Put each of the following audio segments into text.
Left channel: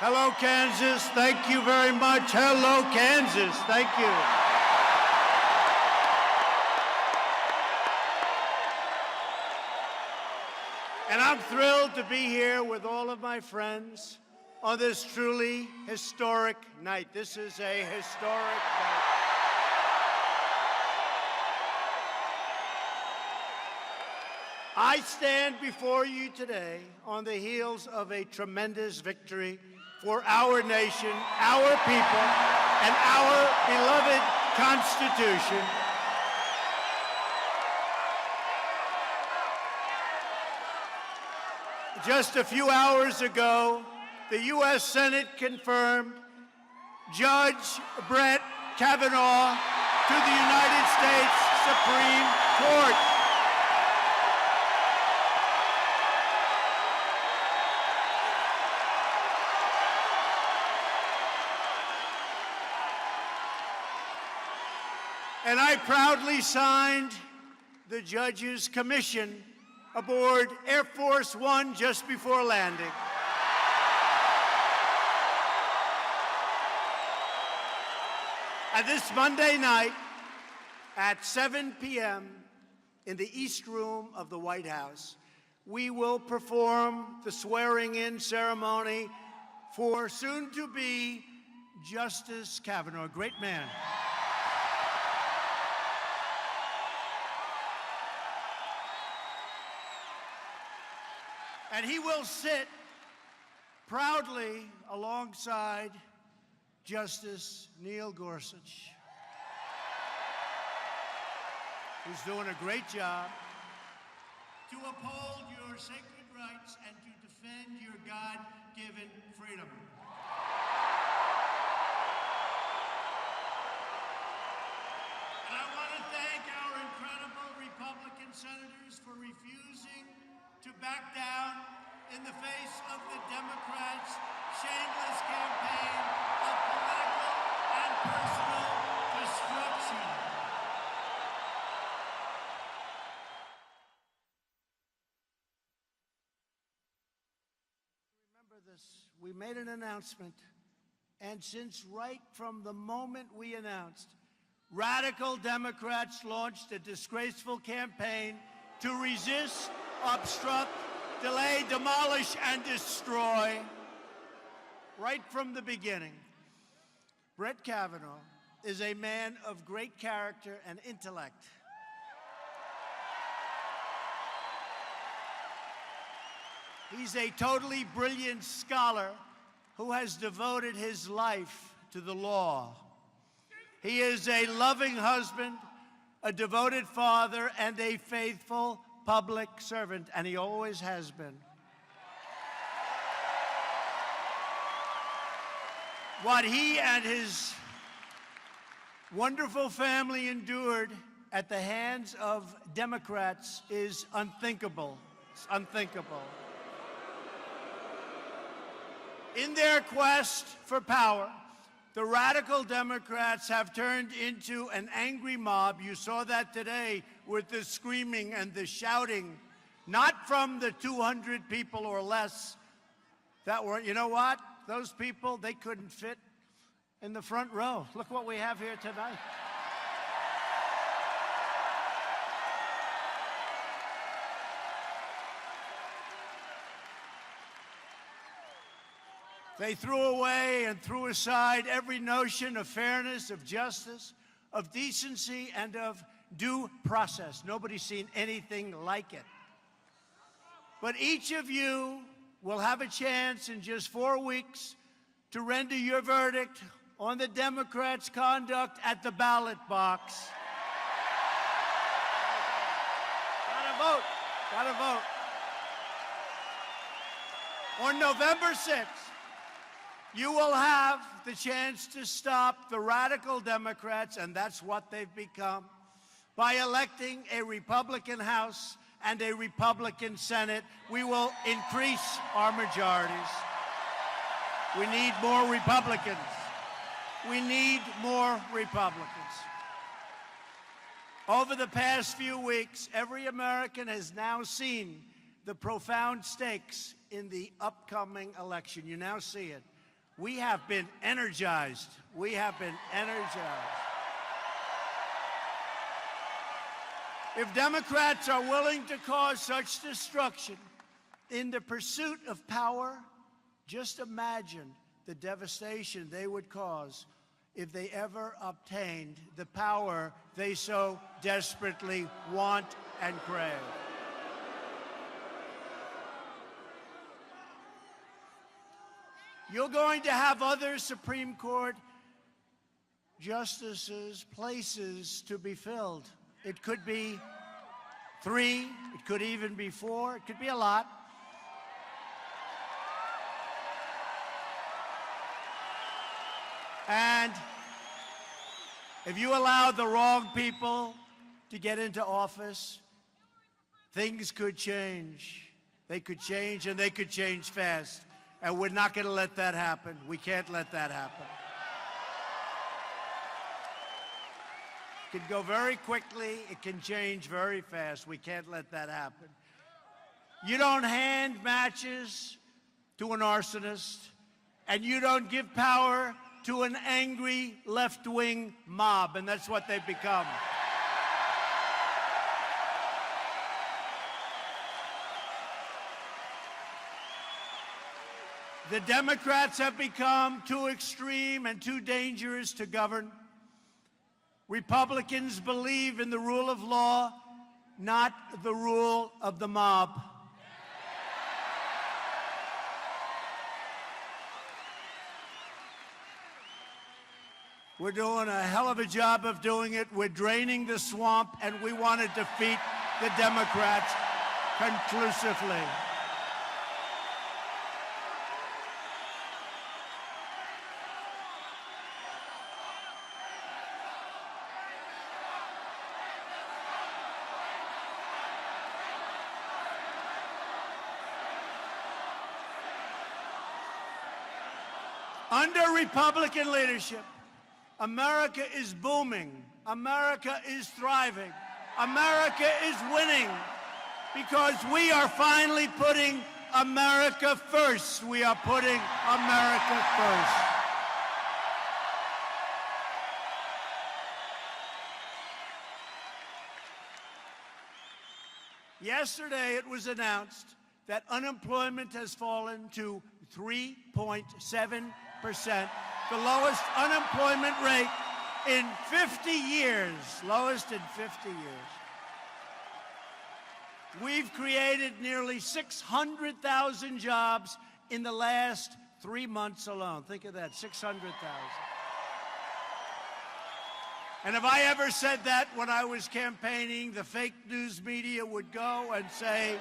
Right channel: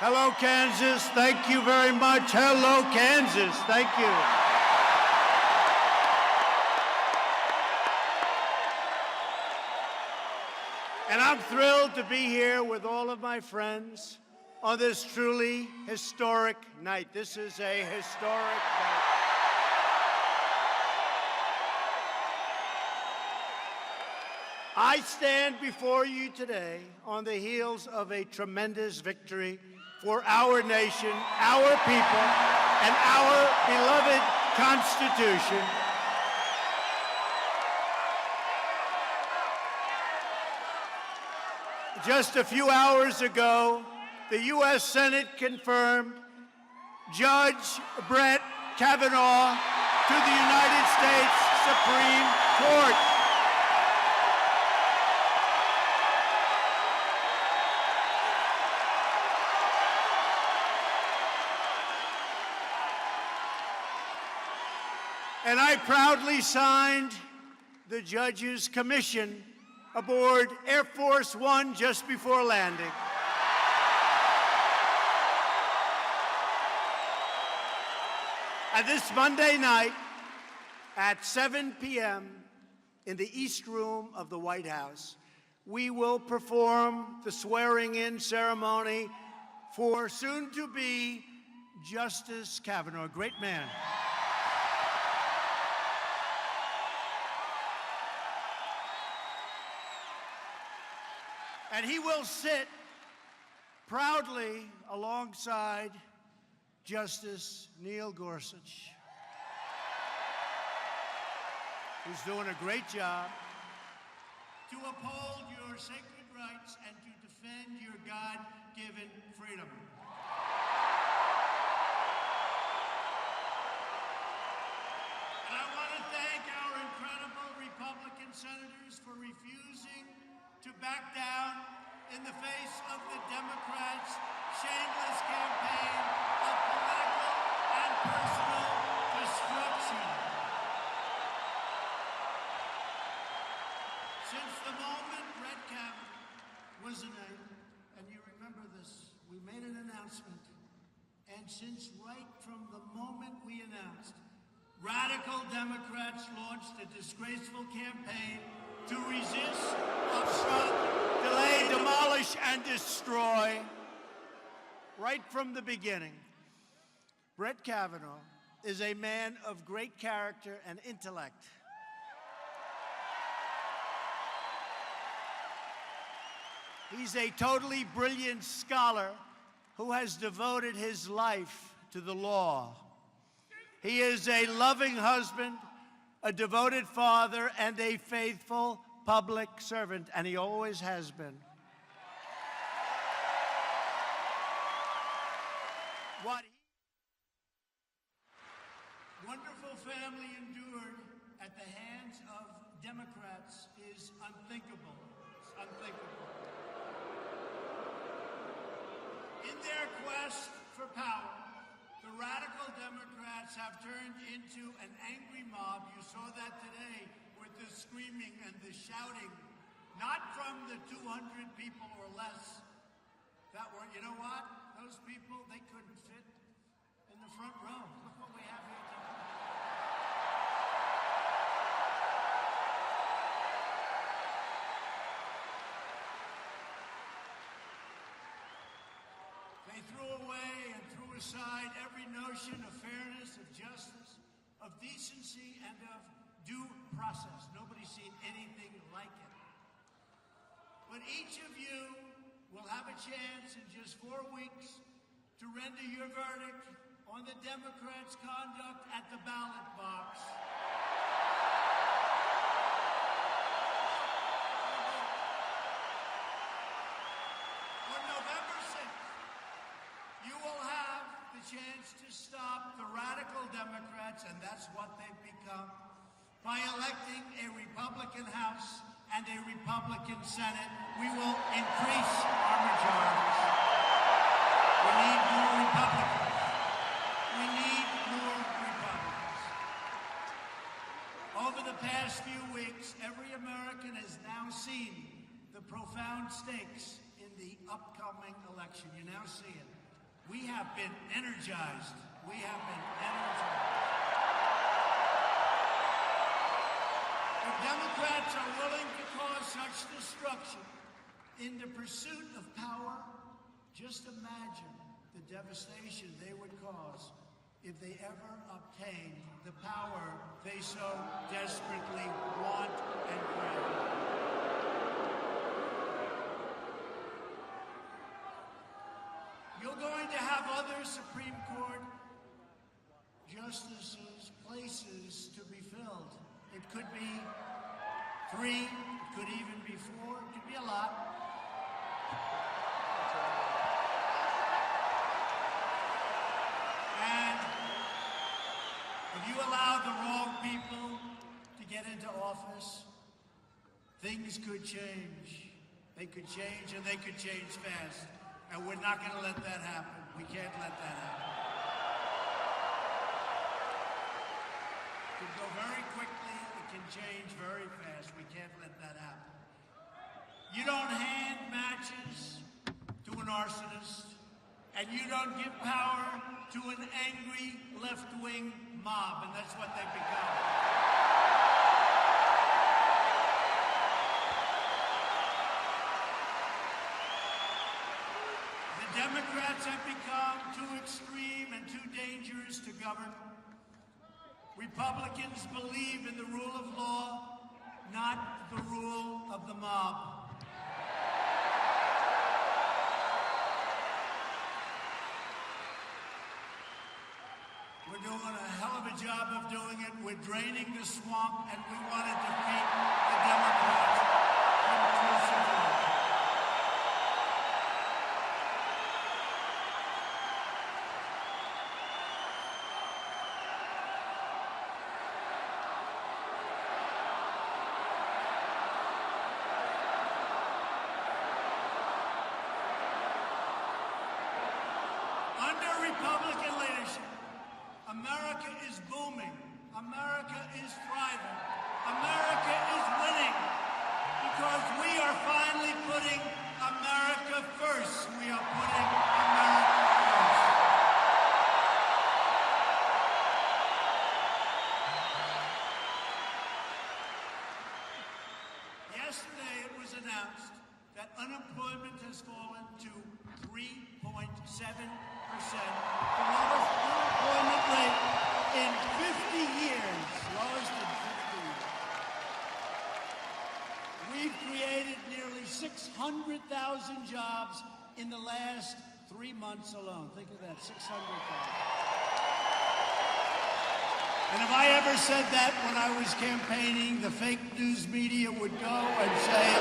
Hello, Kansas. Thank you very much. Hello, Kansas. Thank you. And I'm thrilled to be here with all of my friends on this truly historic night. This is a historic night. I stand before you today on the heels of a tremendous victory for our nation, our people, and our beloved Constitution. Just a few hours ago, the U.S. Senate confirmed Judge Brett Kavanaugh to the United States Supreme Court. And I proudly signed the judge's commission aboard Air Force One just before landing. And this Monday night at 7 p.m. in the East Room of the White House, we will perform the swearing-in ceremony for soon-to-be Justice Kavanaugh, a great man. And he will sit proudly alongside Justice Neil Gorsuch, who's doing a great job to uphold your sacred rights and to defend your God-given freedom. And I want to thank our incredible Republican senators for refusing to back down in the face of the Democrats' shameless campaign of political and personal destruction. Since the moment Brett Kavanaugh was named, and you remember this, we made an announcement, and since right from the moment we announced, radical Democrats launched a disgraceful campaign to resist, obstruct, delay, demolish, and destroy. Right from the beginning, Brett Kavanaugh is a man of great character and intellect. He's a totally brilliant scholar who has devoted his life to the law. He is a loving husband, a devoted father, and a faithful public servant, and he always has been. What he and his wonderful family endured at the hands of Democrats is unthinkable. It's unthinkable. In their quest for power, the radical Democrats have turned into an angry mob. You saw that today with the screaming and the shouting, not from the 200 people or less that were, you know what? Those people, they couldn't fit in the front row. Look what we have here tonight. They threw away and threw aside every notion of fairness, of justice, of decency, and of due process. Nobody's seen anything like it. But each of you will have a chance in just 4 weeks to render your verdict on the Democrats' conduct at the ballot box. Gotta vote. Gotta vote. On November 6th, you will have the chance to stop the radical Democrats, and that's what they've become, by electing a Republican House and a Republican Senate. We will increase our majorities. We need more Republicans. We need more Republicans. Over the past few weeks, every American has now seen the profound stakes in the upcoming election. You now see it. We have been energized. We have been energized. If Democrats are willing to cause such destruction in the pursuit of power, just imagine the devastation they would cause if they ever obtained the power they so desperately want and crave. You're going to have other Supreme Court justices, places to be filled. It could be 3, it could even be 4, it could be a lot. And if you allow the wrong people to get into office, things could change. They could change, and they could change fast. And we're not going to let that happen. We can't let that happen. It can go very quickly. It can change very fast. We can't let that happen. You don't hand matches to an arsonist, and you don't give power to an angry left-wing mob, and that's what they've become. The Democrats have become too extreme and too dangerous to govern. Republicans believe in the rule of law, not the rule of the mob. We're doing a hell of a job of doing it. We're draining the swamp, and we want to defeat the Democrats conclusively. Under Republican leadership, America is booming. America is thriving. America is winning because we are finally putting America first. We are putting America first. Yesterday, it was announced that unemployment has fallen to 3.7%, the lowest unemployment rate in 50 years, lowest in 50 years. We've created nearly 600,000 jobs in the last 3 months alone. Think of that, 600,000. And if I ever said that when I was campaigning, the fake news media would go and say,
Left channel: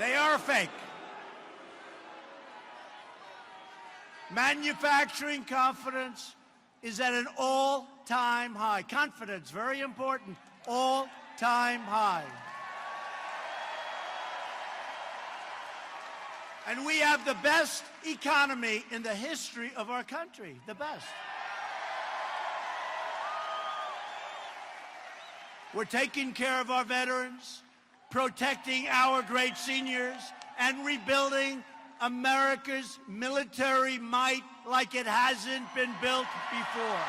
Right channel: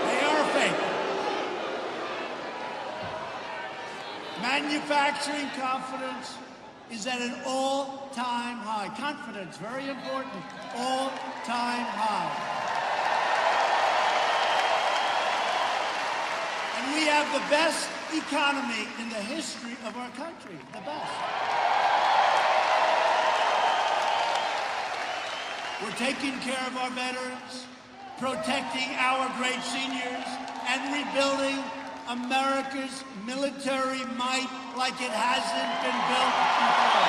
they are fake. Manufacturing confidence is at an all-time high. Confidence, very important, all-time high. And we have the best economy in the history of our country, the best. We're taking care of our veterans, protecting our great seniors, and rebuilding America's military might like it hasn't been built before.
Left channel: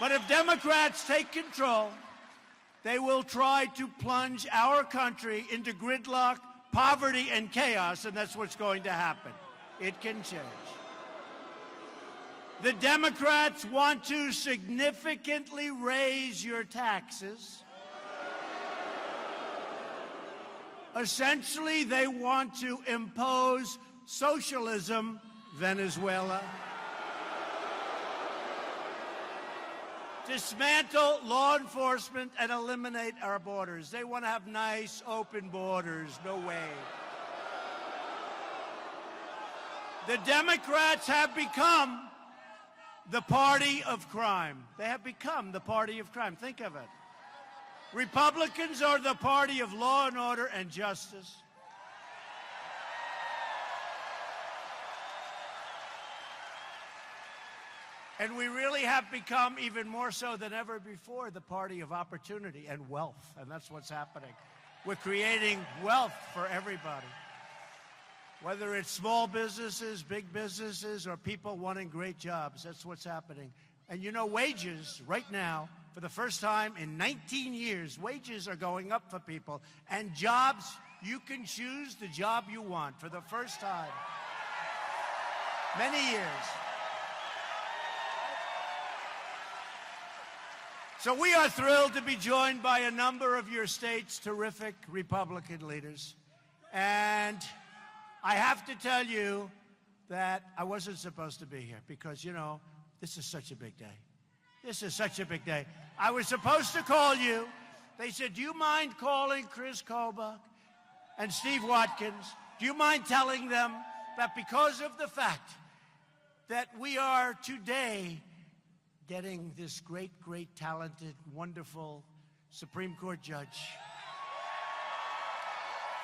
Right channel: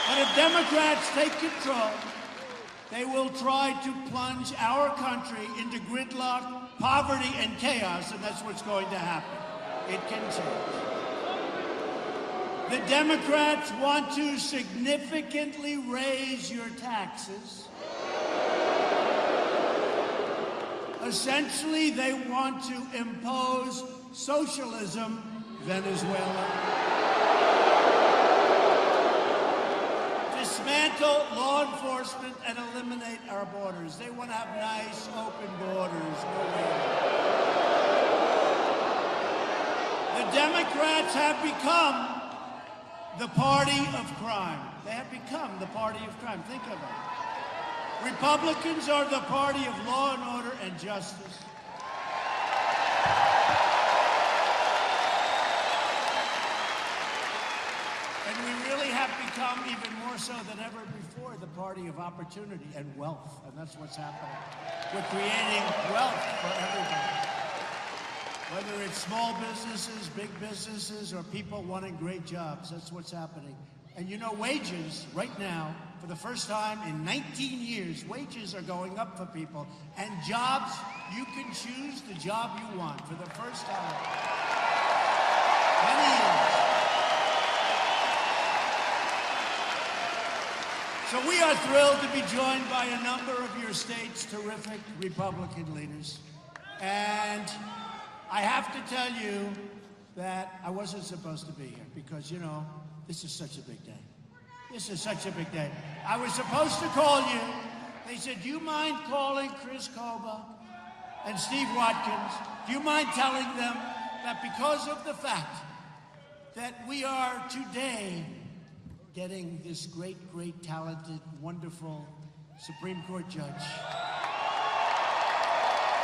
But if Democrats take control, they will try to plunge our country into gridlock, poverty, and chaos, and that's what's going to happen. It can change. The Democrats want to significantly raise your taxes. Essentially, they want to impose socialism, Venezuela. Dismantle law enforcement and eliminate our borders. They want to have nice, open borders. The Democrats have become the party of crime. They have become the party of crime. Think of it. Republicans are the party of law and order and justice. And we really have become, even more so than ever before, the party That's what's happening. We're creating wealth for everyone. Whether it's small businesses, big businesses, or people wanting great jobs, that's what's happening. And you know, wages right now, for the first time in 19 years, wages are going up for people. And jobs, you can choose the job you want for the first time. Many years. So we are thrilled to be joined by a number of your state's terrific Republican leaders. And I have to tell you that I wasn't supposed to be here because, you know, this is such a big day. This is such a big day. I was supposed to call you. They said, do you mind calling Chris Koba and Steve Watkins? Do you mind telling them that because of the fact that we are today getting this great, great, talented, wonderful Supreme Court judge,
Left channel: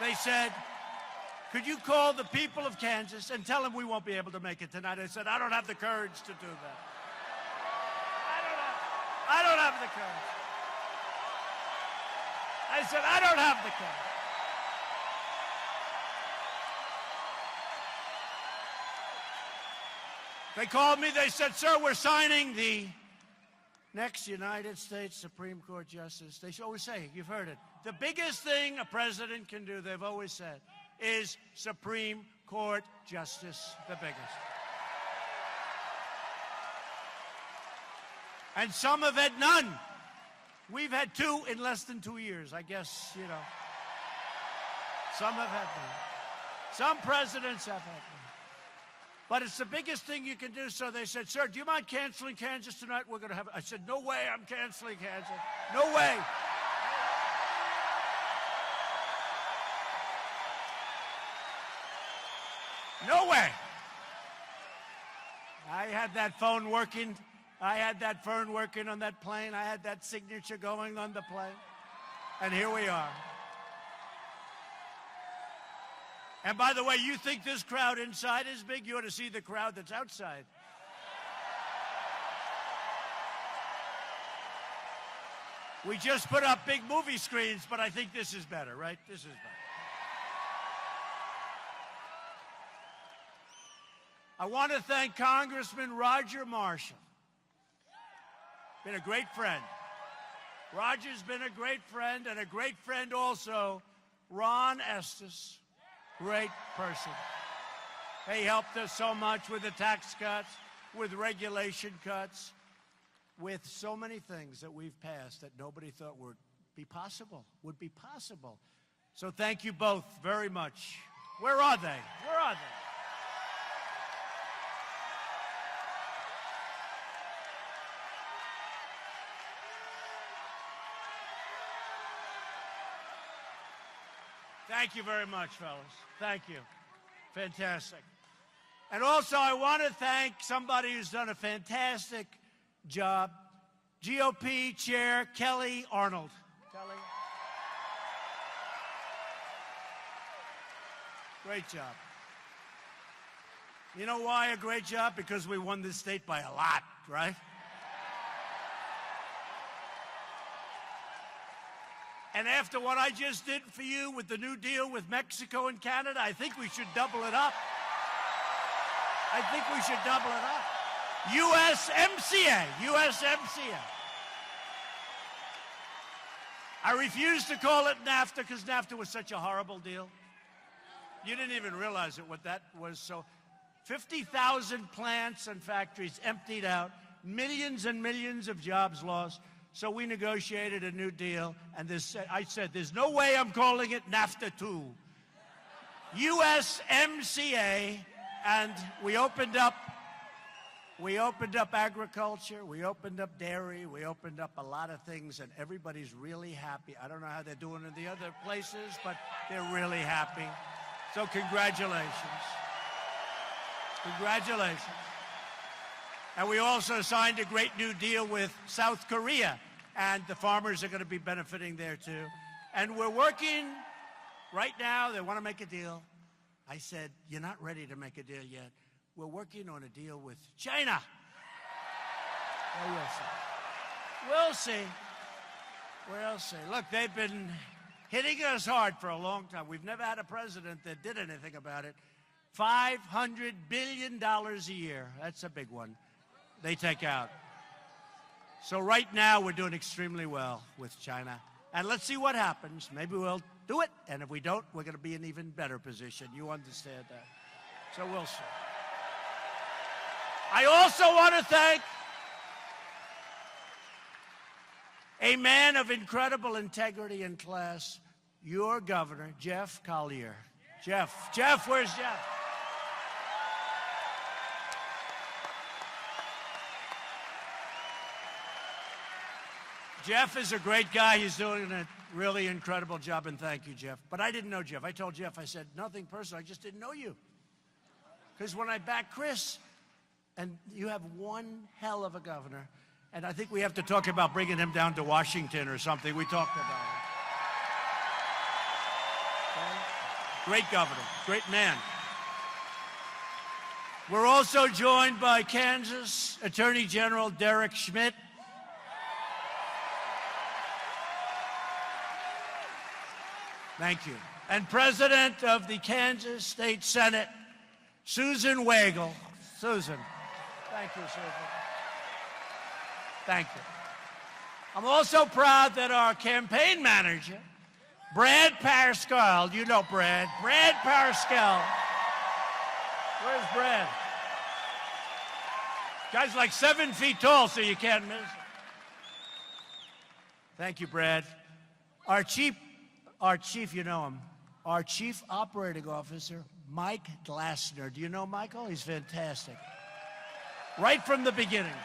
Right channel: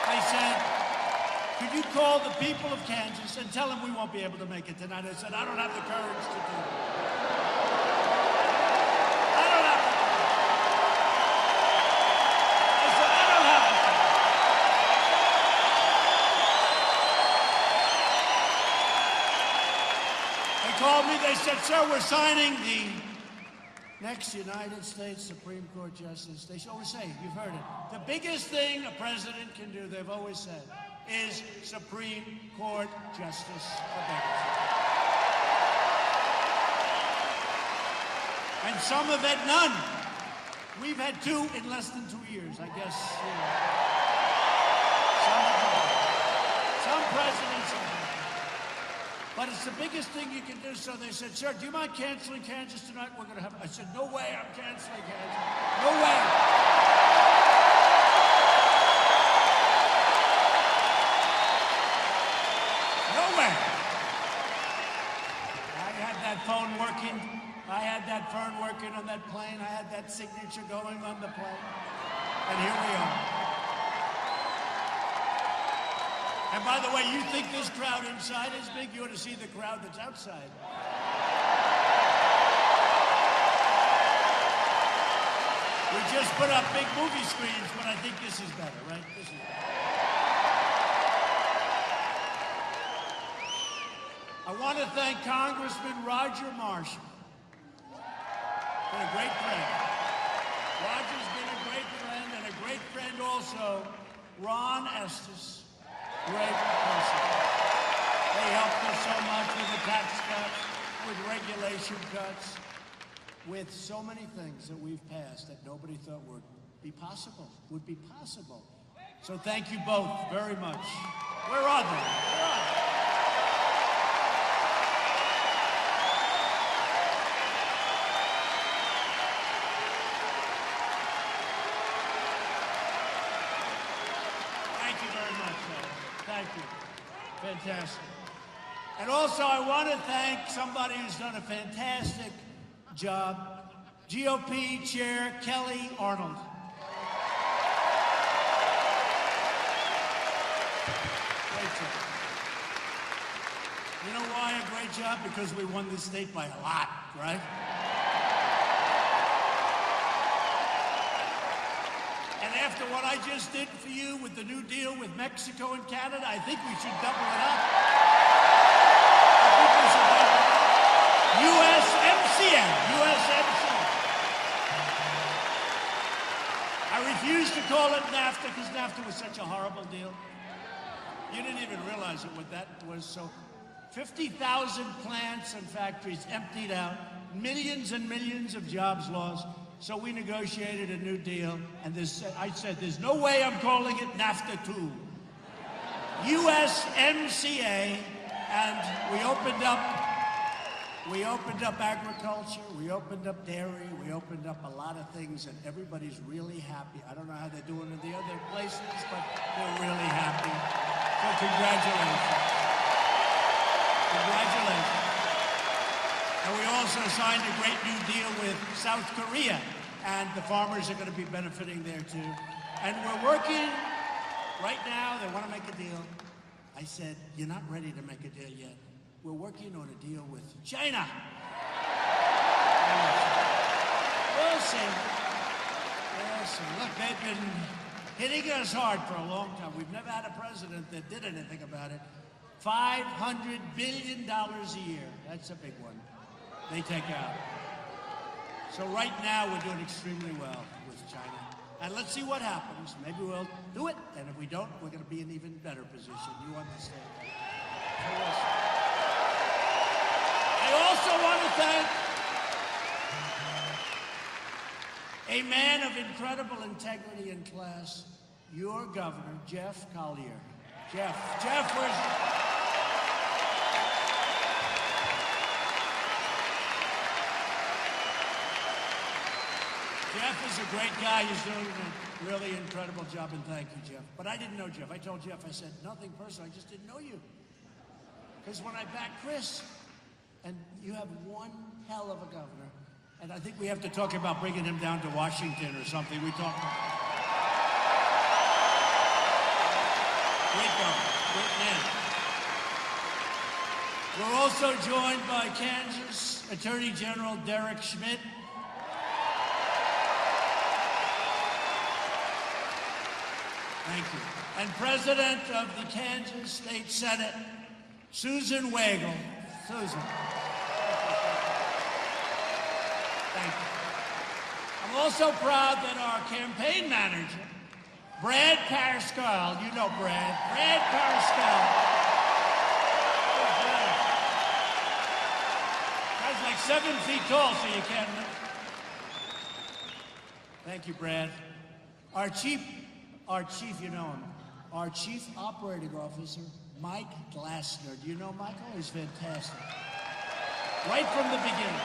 they said, could you call the people of Kansas and tell them we won't be able to make it tonight? I said, I don't have the courage to do it. I don't have it. I said, I don't have it. They called me, they said, sir, we're signing the next United States Supreme Court Justice. They always say, you've heard it. The biggest thing a president can do, they've always said, is Supreme Court Justice debate. And some have had none. We've had two in less than 2 years, I guess. Some presidents have. But it's the biggest thing you can do. So they said, sir, do you mind canceling Kansas tonight? We're going to have. I said, no way, I'm canceling Kansas. No way. On that plane, I had that signature going on the plane, and here we are. And by the way, you think this crowd inside is big, you ought to see the crowd that's outside. We just put up big movie screens, but I think this is better, right? I want to thank Congressman Roger Marshall. A great friend. Roger's been a great friend, and a great friend also, Ron Estes. Great person. He helped us so much with the tax cuts, with regulation cuts, with so many things that we've passed that nobody thought would be possible. So thank you both very much. Where are they? Fantastic. And also, I want to thank somebody who's done a fantastic job, GOP Chair Kelly Arnold. You know why a great job? Because we won this state by a lot, right? And after what I just did for you with the New Deal with Mexico and Canada, I think we should double it up. USMCA. I refuse to call it NAFTA because NAFTA was such a horrible deal. You didn't even realize what that was. So 50,000 plants and factories emptied out, millions and millions of jobs lost. So we negotiated a new deal, and I said, there's no way I'm calling it NAFTA 2. USMCA, and we opened up agriculture, we opened up dairy, we opened up a lot of things, and everybody's really happy. I don't know how they're doing in the other places, but they're really happy. So congratulations. Congratulations. And we also signed a great new deal with South Korea, and the farmers are going to be benefiting there too. And we're working, right now, they want to make a deal. I said, you're not ready to make a deal yet. We're working on a deal with China. We'll see. Look, they've been about it. $500 billion a year. That's a big one. They take out. So right now we're doing extremely well with China. And let's see what happens. Maybe we'll do it, and if we don't, we're going to be in an even better position. You understand that? So we'll see. I also want to thank a man of incredible integrity and class, your governor, Jeff Collier. Jeff, where's Jeff? Jeff is a great guy. He's doing a really incredible job, and thank you, Jeff. But I didn't know Jeff. I told Jeff, I said, nothing personal. I just didn't know you. Because when I backed Chris, and you have one hell of a governor, and I think we have to talk about bringing him down to Washington or something. We talked about it. Great governor, great man. We're also joined by Kansas Attorney General Derek Schmidt. Thank you. And President of the Kansas State Senate, Susan Wagle. Susan. Thank you. I'm also proud that our campaign manager, Brad Parscale, you know Brad Parscale. Where's Brad? Guy's like 7 feet tall, so you can't. Thank you, Brad. Our chief, you know him. Our chief operating officer, Mike Glassner. Do you know Michael? He's fantastic. Right from the beginning.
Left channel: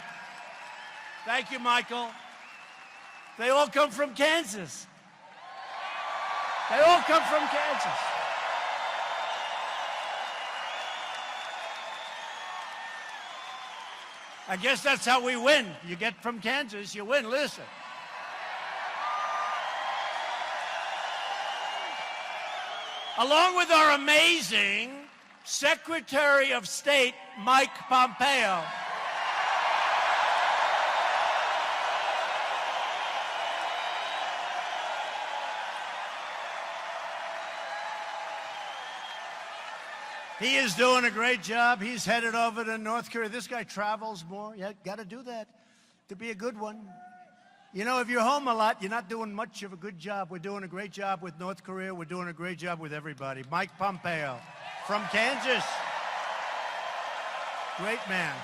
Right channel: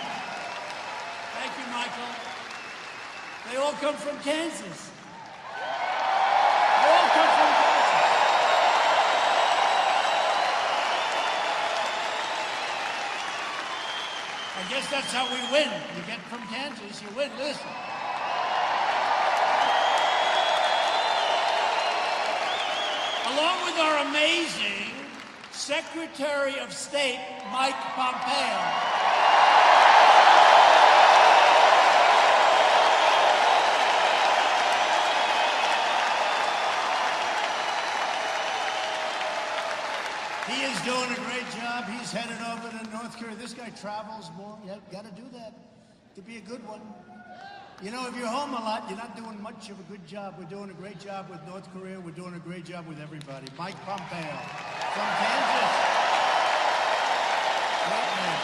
Thank you, Michael. They all come from Kansas. They all come from Kansas. I guess that's how we win. You get from Kansas, you win. Listen. Along with our amazing Secretary of State, Mike Pompeo. He is doing a great job. He's headed over to North Korea. This guy travels more. Yeah, got to do that to be a good one. You know, if you're home a lot, you're not doing much of a good job. We're doing a great job with North Korea. We're doing a great job with everybody. Mike Pompeo from Kansas. Great man.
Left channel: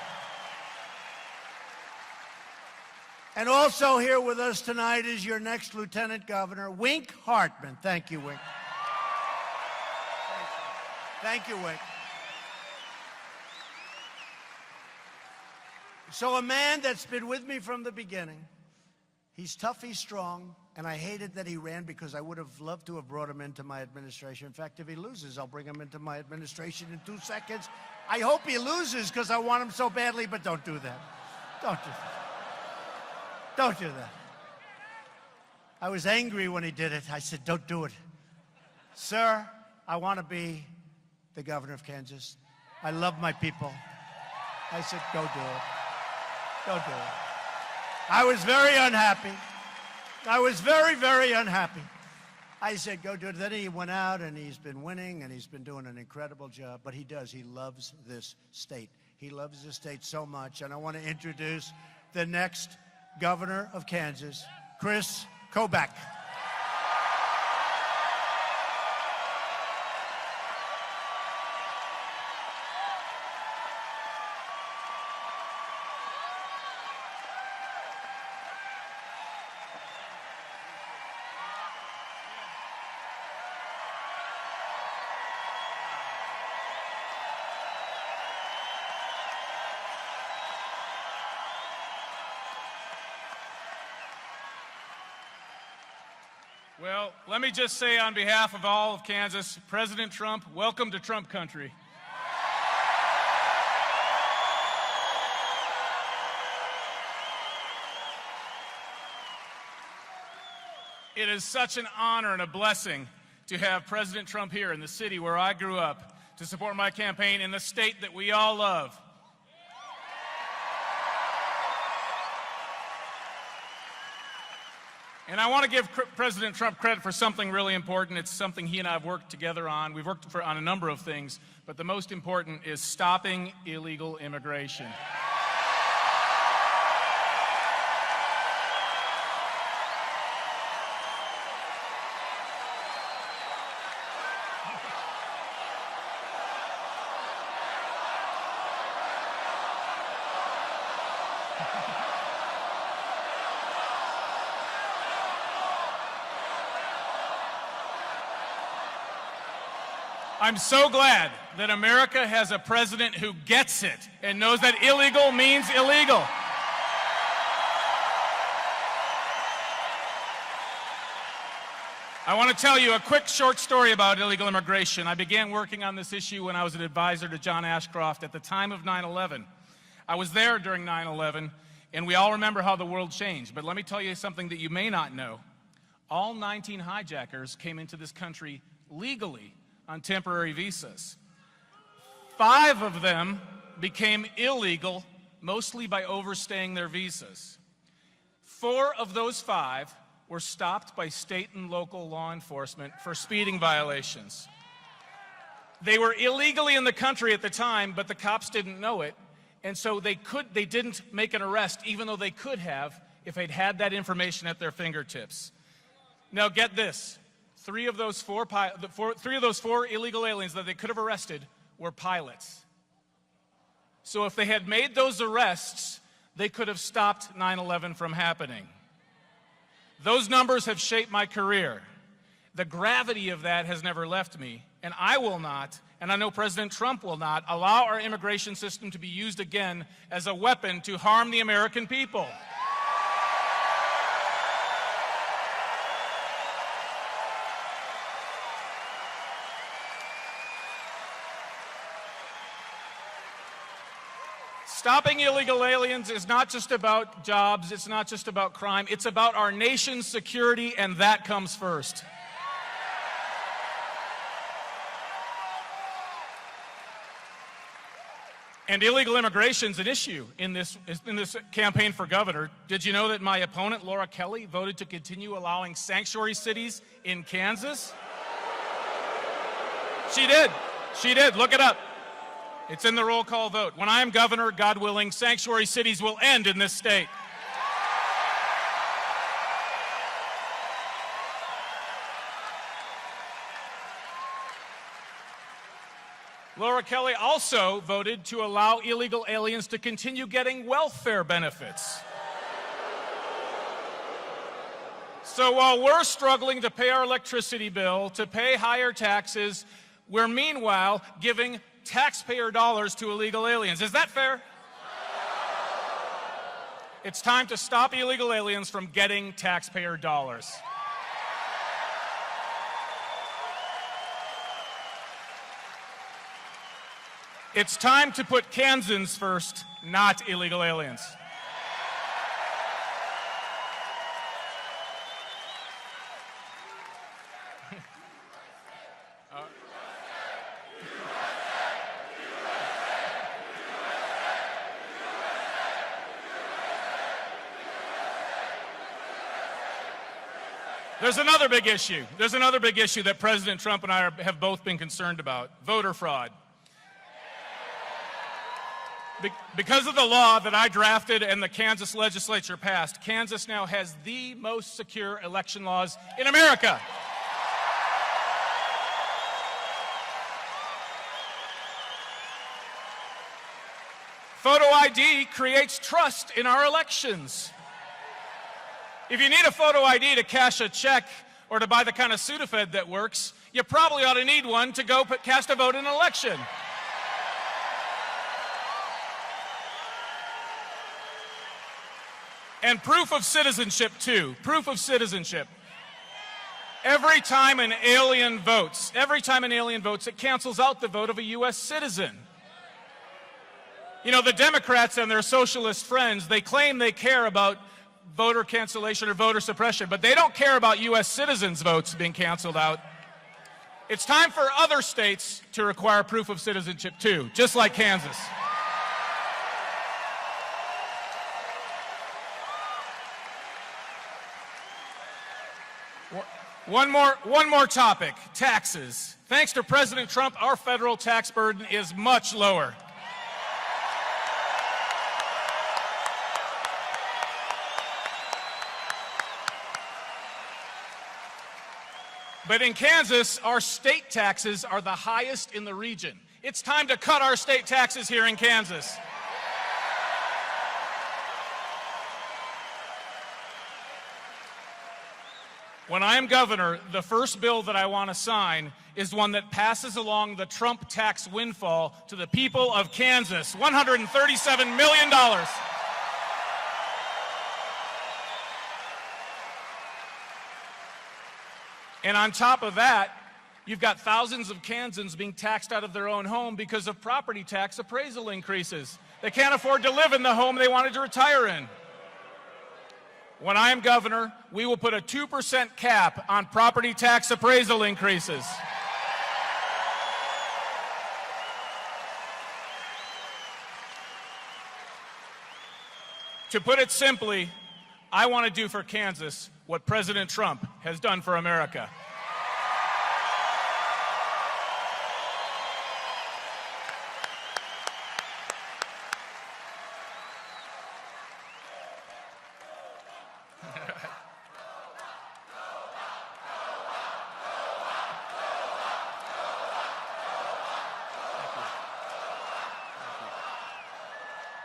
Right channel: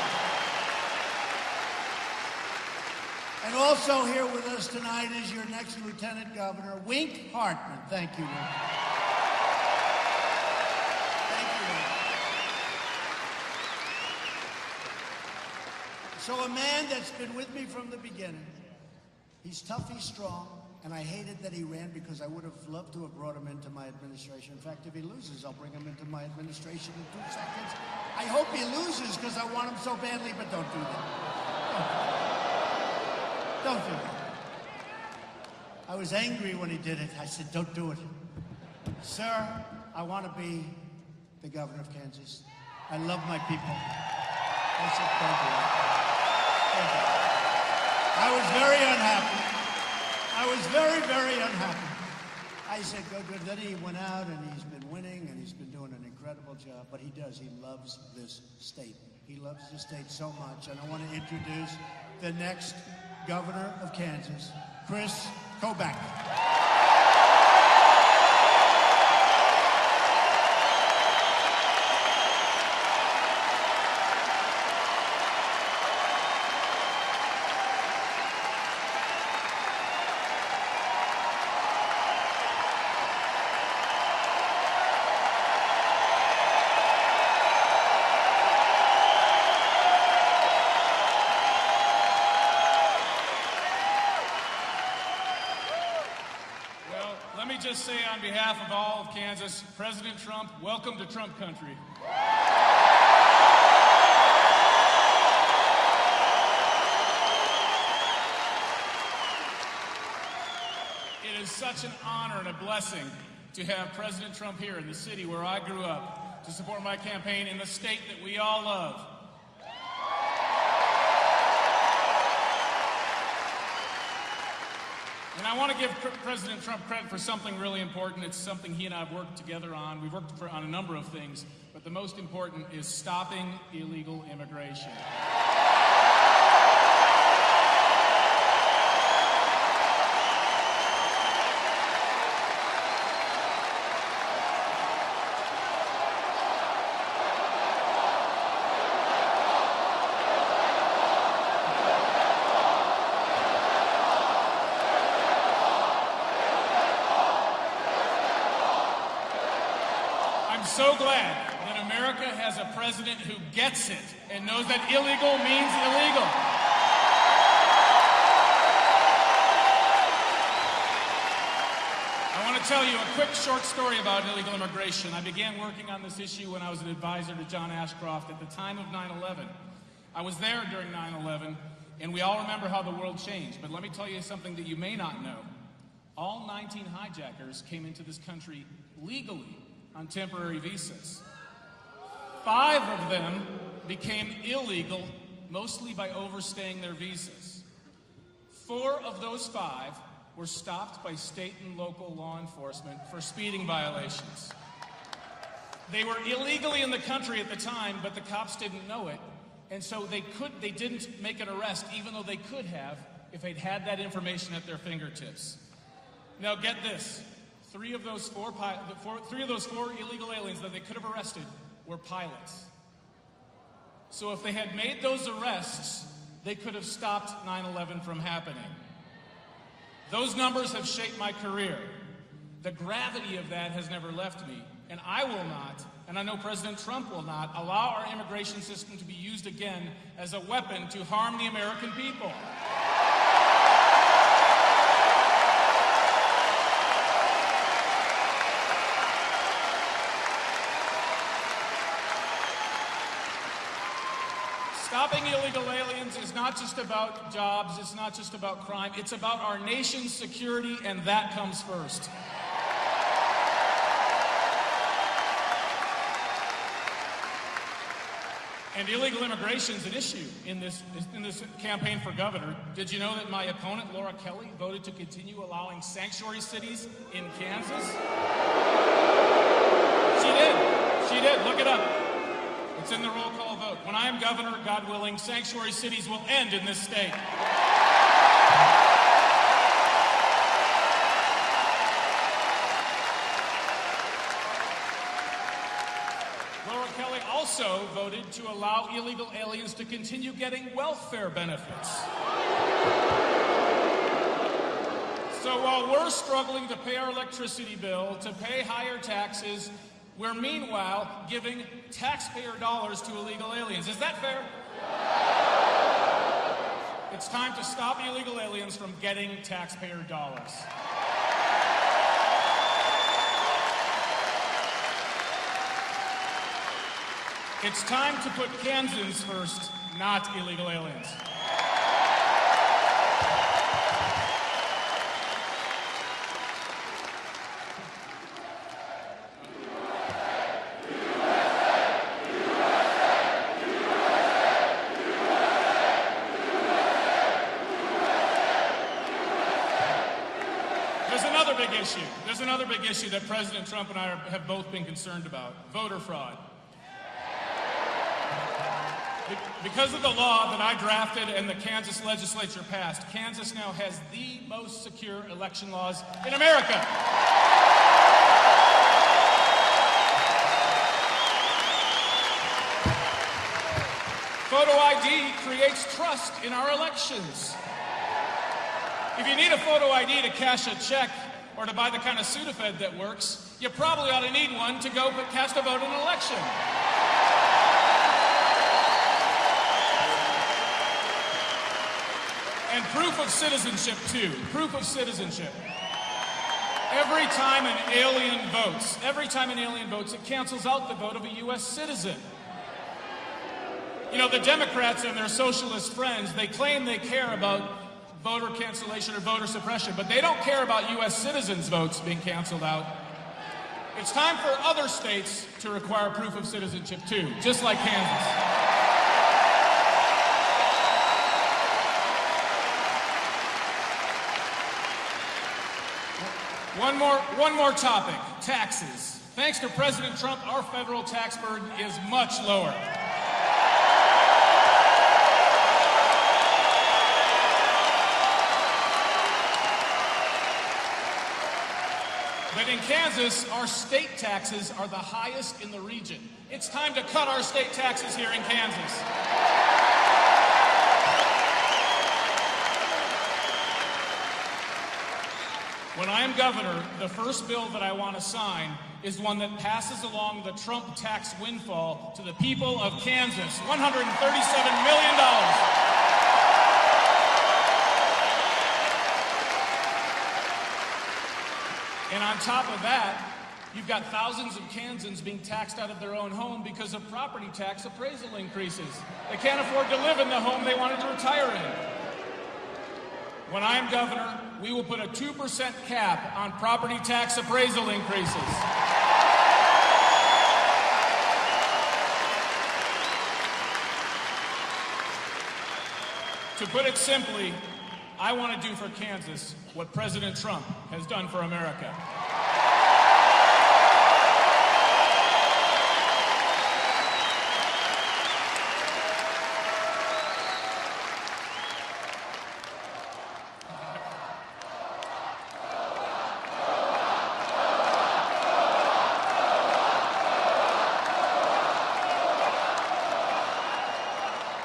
And also here with us tonight is your next Lieutenant Governor, Wink Hartman. Thank you, Wink. Thank you, Wink. So a man that's been with me from the beginning. He's tough, he's strong, and I hated that he ran because I would have loved to have brought him into my administration. In fact, if he loses, I'll bring him into my administration in 2 seconds. I hope he loses because I want him so badly, but don't do that. Don't do that. I was angry when he did it. I said, don't do it. Sir, I want to be the governor of Kansas. I love my people. I said, don't do it. Don't do it. I was very unhappy. I was very, very unhappy. I said, go do it. Then he went out, and he's been winning, and he's been doing an incredible job. But he does. He loves this state. He loves this state so much. And I want to introduce the next governor of Kansas, Chris Kobach. Let me just say on behalf of all of Kansas, President Trump, welcome to Trump country. It is such an honor and a blessing to have President Trump here in the city where I grew up to support my campaign in the state that we all love. And I want to give President Trump credit for something really important. It's something he and I have worked together on. We've worked on a number of things, but the most important is stopping illegal immigration. I'm so glad that America has a president who gets it and knows that illegal means illegal. I want to tell you a quick short story about illegal immigration. I began working on this issue when I was an advisor to John Ashcroft at the time of 9/11. I was there during 9/11, and we all remember how the world changed. But let me tell you something that you may not know. All 19 hijackers came into this country legally on temporary visas. 5 of them became illegal, mostly by overstaying their visas. 4 of those 5 were stopped by state and local law enforcement for speeding violations. They were illegally in the country at the time, but the cops didn't know it, and so they didn't make an arrest, even though they could have if they'd had that information at their fingertips. Now get this. 3 of those 4 illegal aliens that they could have arrested were pilots. So if they had made those arrests, they could have stopped 9/11 from happening. Those numbers have shaped my career. The gravity of that has never left me, and I will not, and I know President Trump will not, allow our immigration system to be used again as a weapon to harm the American people. Stopping illegal aliens is not just about jobs, it's not just about crime, it's about our nation's security, and that comes first. And illegal immigration is an issue in this campaign for governor. Did you know that my opponent, Laura Kelly, voted to continue allowing sanctuary cities in Kansas? She did. She did. Look it up. It's in the roll call vote. When I'm governor, God willing, sanctuary cities will end in this state. Laura Kelly also voted to allow illegal aliens to continue getting welfare benefits. So while we're struggling to pay our electricity bill, to pay higher taxes, we're meanwhile giving taxpayer dollars to illegal aliens. Is that fair? It's time to stop illegal aliens from getting taxpayer dollars. It's time to put Kansans first, not illegal aliens. There's another big issue that President Trump and I have both been concerned about: voter fraud. Because of the law that I drafted and the Kansas legislature passed, Kansas now has the most secure election laws in America. Photo ID creates trust in our elections. If you need a photo ID to cash a check or to buy the kind of Sudafed that works, you probably ought to need one to go cast a vote in an election. And proof of citizenship, too. Proof of citizenship. Every time an alien votes, it cancels out the vote of a U.S. citizen. You know, the Democrats and their socialist friends, they claim they care about voter cancellation or voter suppression, but they don't care about U.S. citizens' votes being canceled out. It's time for other states to require proof of citizenship, too, just like Kansas. One more topic, taxes. Thanks to President Trump, our federal tax burden is much lower. But in Kansas, our state taxes are the highest in the region. It's time to cut our state taxes here in Kansas. When I am governor, the first bill that I want to sign is one that passes along the Trump tax windfall to the people of Kansas, $137 million. And on top of that, you've got thousands of Kansans being taxed out of their own home because of property tax appraisal increases. They can't afford to live in the home they wanted to retire in. When I'm governor, we will put a 2% cap on property tax appraisal increases. To put it simply, I want to do for Kansas what President Trump has done for America.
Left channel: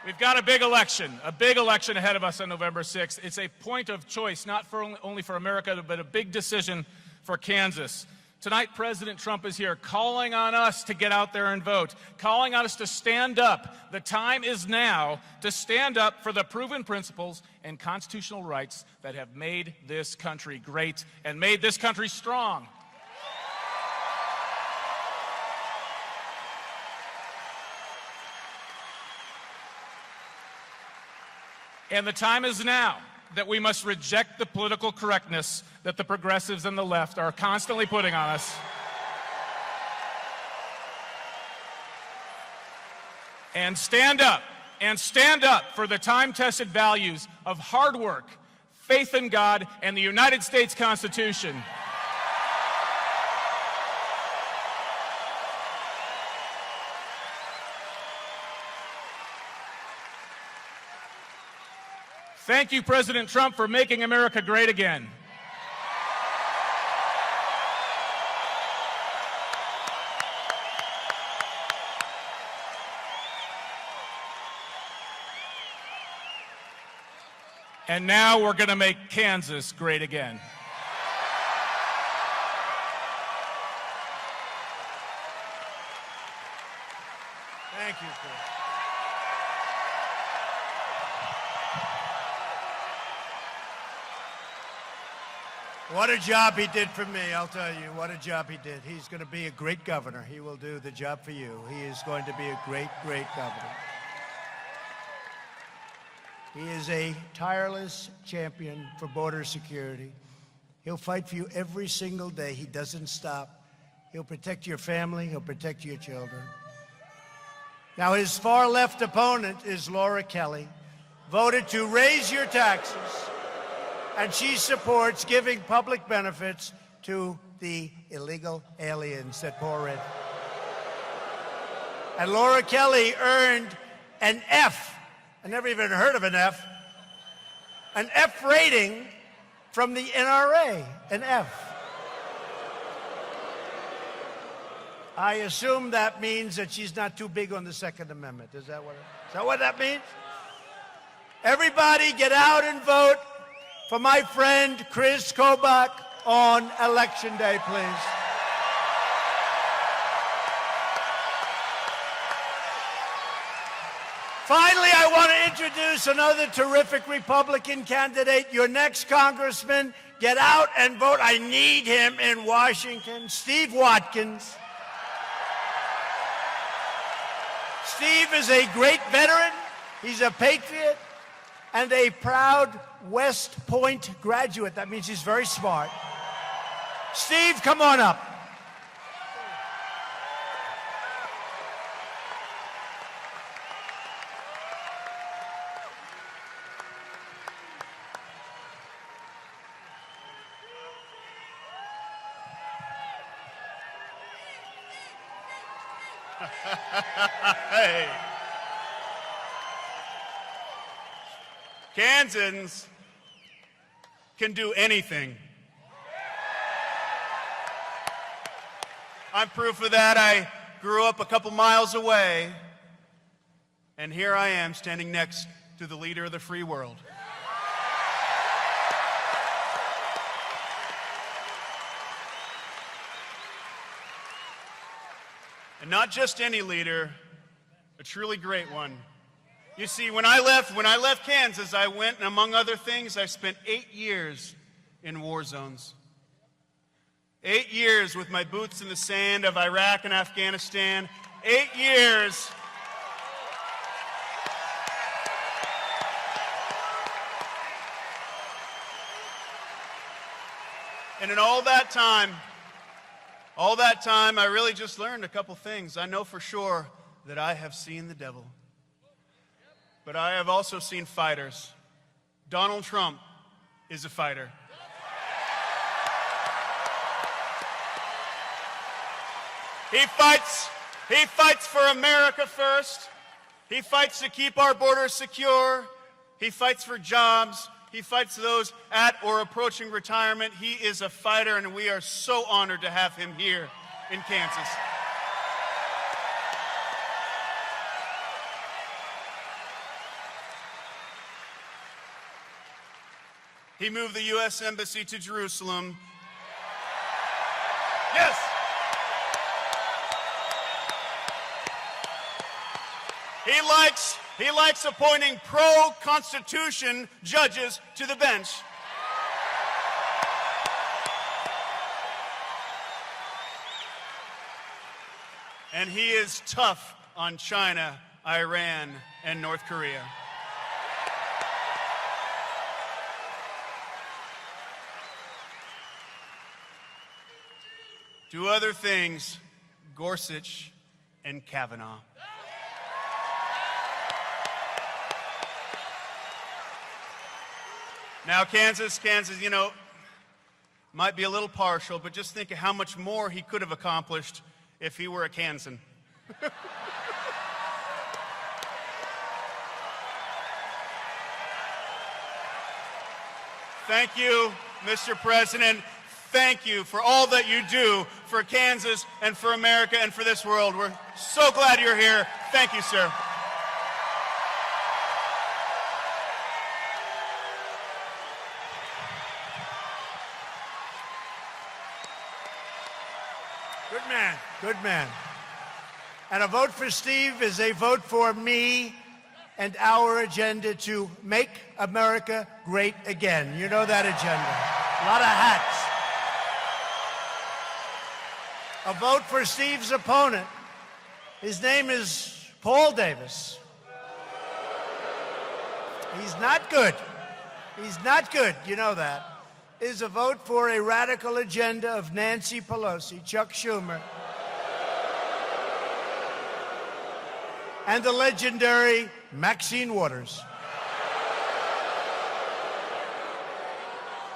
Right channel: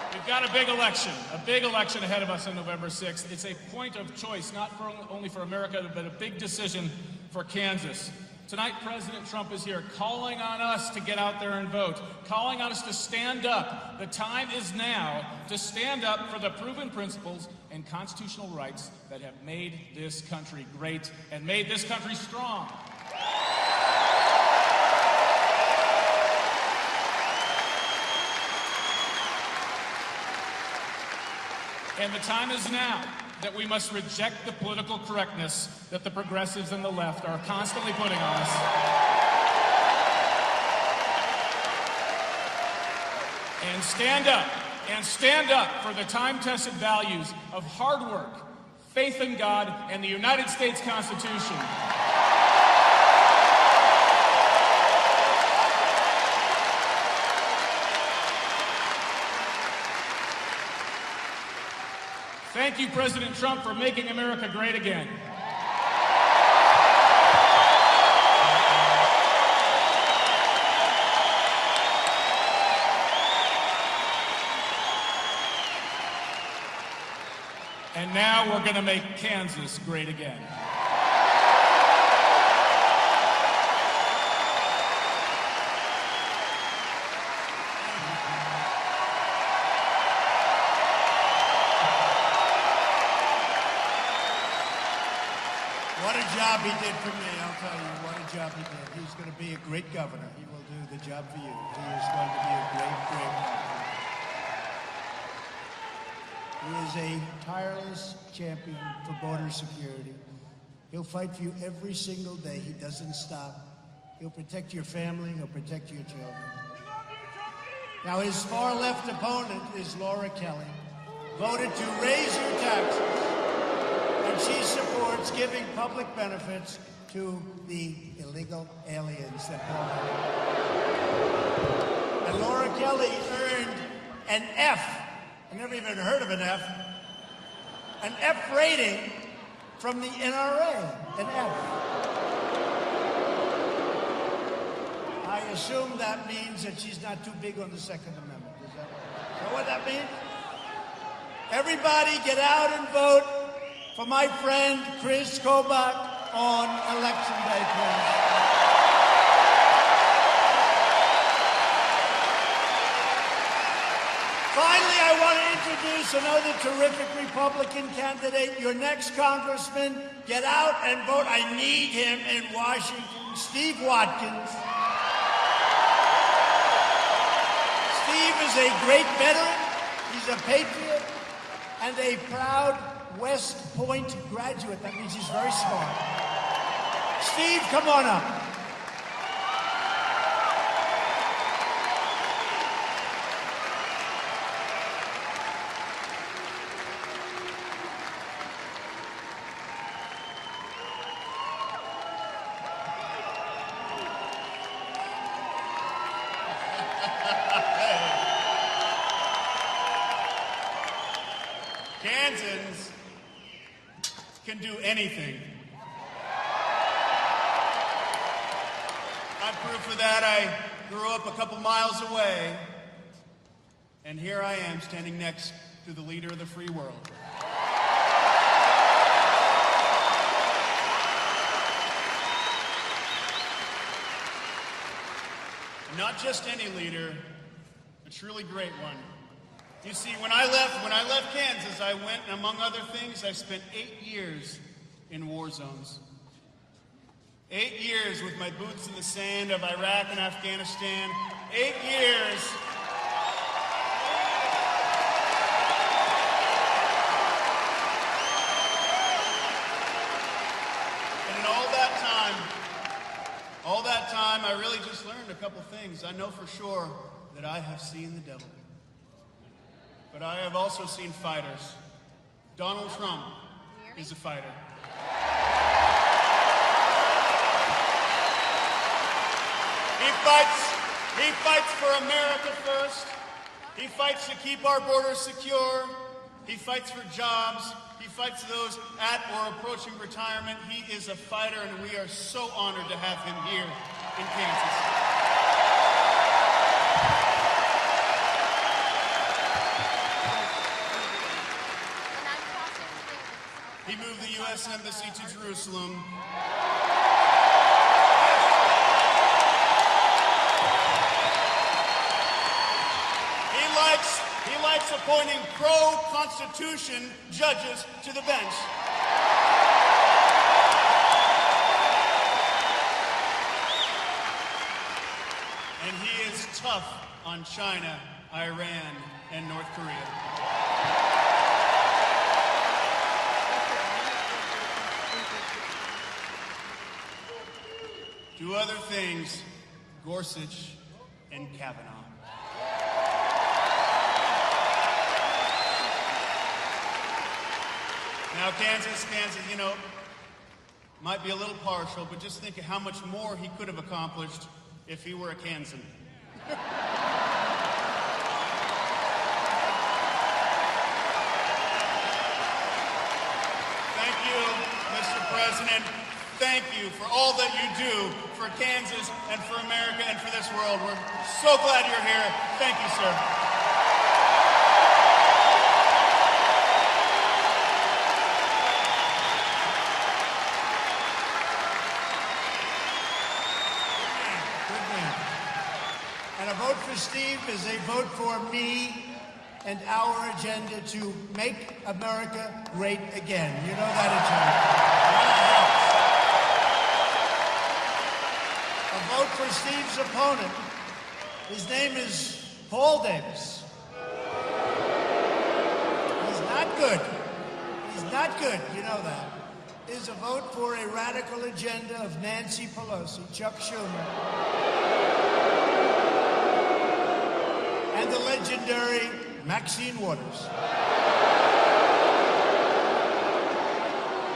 We've got a big election ahead of us on November 6th. It's a point of choice, not only for America, but a big decision for Kansas. Tonight, President Trump is here calling on us to get out there and vote, calling on us to stand up. The time is now to stand up for the proven principles and constitutional rights that have made this country great and made this country strong. And the time is now that we must reject the political correctness that the progressives and the left are constantly putting on us. And stand up for the time-tested values of hard work, faith in God, and the United States Constitution. Thank you, President Trump, for making America great again. And now we're going to make Kansas great again. What a job he did for me, I'll tell you. What a job he did. He's going to be a great governor. He will do the job for you. He is going to be a great, great governor. He is a tireless champion for border security. He'll fight for you every single day. He doesn't stop. He'll protect your family. He'll protect your children. Now, his far-left opponent is Laura Kelly, voted to raise your taxes. And she supports giving public benefits to the illegal aliens that pour in. And Laura Kelly earned an F. I never even heard of an F. An F rating from the NRA. An F. I assume that means that she's not too big on the Second Amendment. Is that what that means? Everybody get out and vote for my friend Chris Kobach on Election Day, please. Finally, I want to introduce another terrific Republican candidate, your next congressman. Get out and vote. I need him in Washington, Steve Watkins. Steve is a great veteran. He's a patriot and a proud West Point graduate. That means he's very smart. Steve, come on up. Kansans can do anything. I'm proof of that. I grew up a couple miles away, and here I am standing next to the leader of the free world. And not just any leader, a truly great one. You see, when I left Kansas, I went, and among other things, I spent 8 years in war zones. 8 years with my boots in the sand of Iraq and Afghanistan. 8 years. And in all that time, I really just learned a couple things. I know for sure that I have seen the devil. But I have also seen fighters. Donald Trump is a fighter. He fights for America first. He fights to keep our borders secure. He fights for jobs. He fights those at or approaching retirement. He is a fighter, and we are so honored to have him here in Kansas. He moved the U.S. Embassy to Jerusalem. Yes. He likes appointing pro-Constitution judges to the bench. And he is tough on China, Iran, and North Korea. Two other things, Gorsuch and Kavanaugh. Now, Kansas, you know, might be a little partial, but just think of how much more he could have accomplished if he were a Kansan. Thank you, Mr. President. Thank you for all that you do for Kansas and for America and for this world. We're so glad you're here. Thank you, sir. Good man. And a vote for Steve is a vote for me and our agenda to make America great again. You know that agenda. Not a hacks. A vote for Steve's opponent. His name is Paul Davis. He's not good. He's not good. You know that. Is a vote for a radical agenda of Nancy Pelosi, Chuck Schumer, and the legendary Maxine Waters.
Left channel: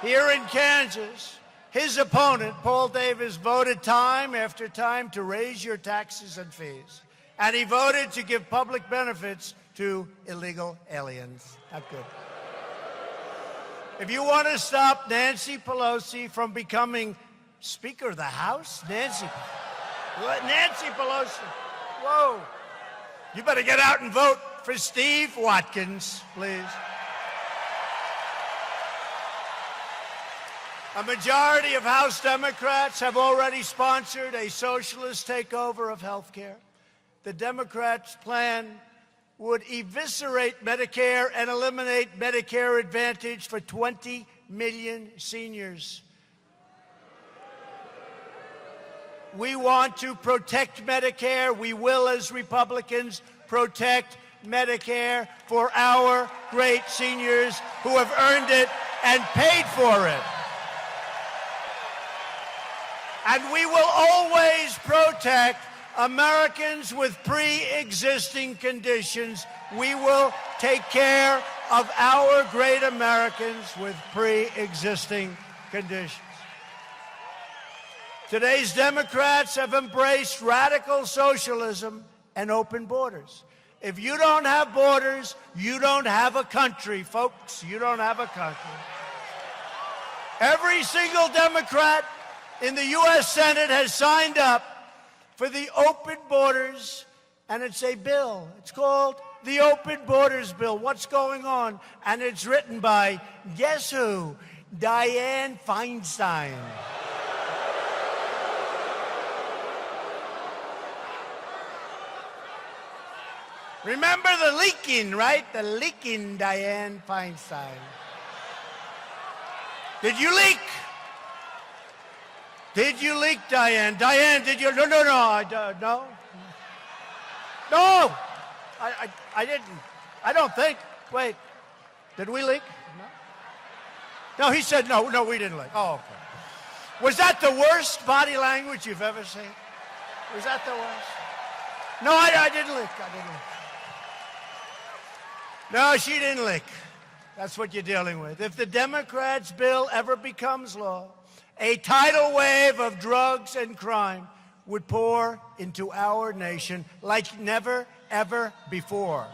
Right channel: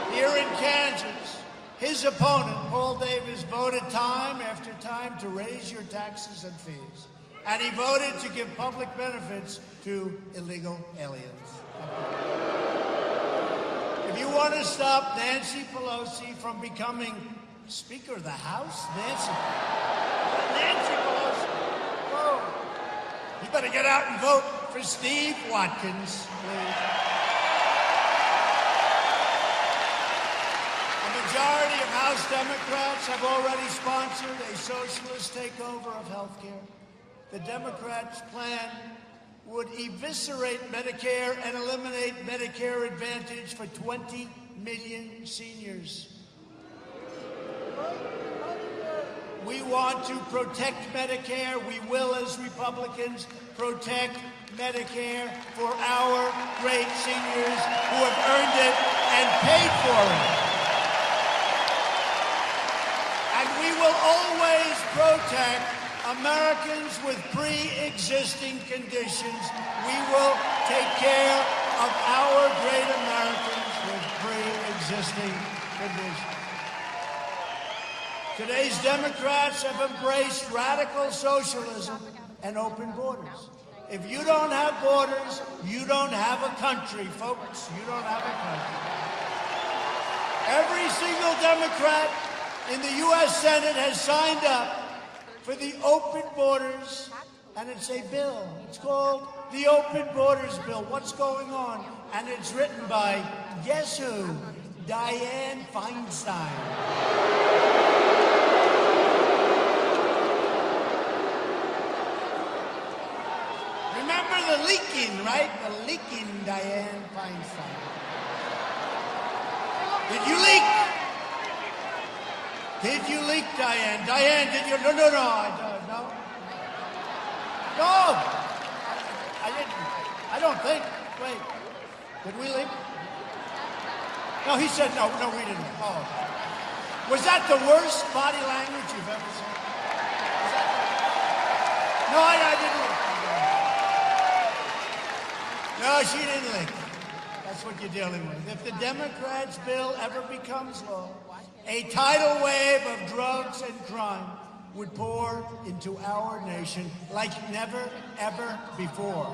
Here in Kansas, his opponent, Paul Davis, voted time after time to raise your taxes and fees. And he voted to give public benefits to illegal aliens. If you want to stop Nancy Pelosi from becoming Speaker of the House, Nancy Pelosi, whoa. You better get out and vote for Steve Watkins, please. A majority of House Democrats have already sponsored a socialist takeover of health care. The Democrats' plan would eviscerate Medicare and eliminate Medicare Advantage for 20 million seniors. We want to protect Medicare. We will, as Republicans, protect Medicare for our great seniors who have earned it and paid for it. And we will always protect Americans with pre-existing conditions. We will take care of our great Americans with pre-existing conditions. Today's Democrats have embraced radical socialism and open borders. If you don't have borders, you don't have a country, folks. You don't have a country. Every single Democrat in the U.S. Senate has signed up for the open borders, and it's a bill. It's called the Open Borders Bill. What's going on? And it's written by, guess who? Dianne Feinstein. Remember the leaking, right? The leaking Dianne Feinstein. Did you leak? Did you leak, Dianne? Dianne, did you? No. No, I didn't. I don't think. Wait, did we leak? No, he said no, we didn't leak. Oh. Was that the worst body language you've ever seen? Was that the worst? No, I didn't leak. No, she didn't leak. That's what you're dealing with. If the Democrats' bill ever becomes law, a tidal wave of drugs and crime would pour into our nation like never, ever before.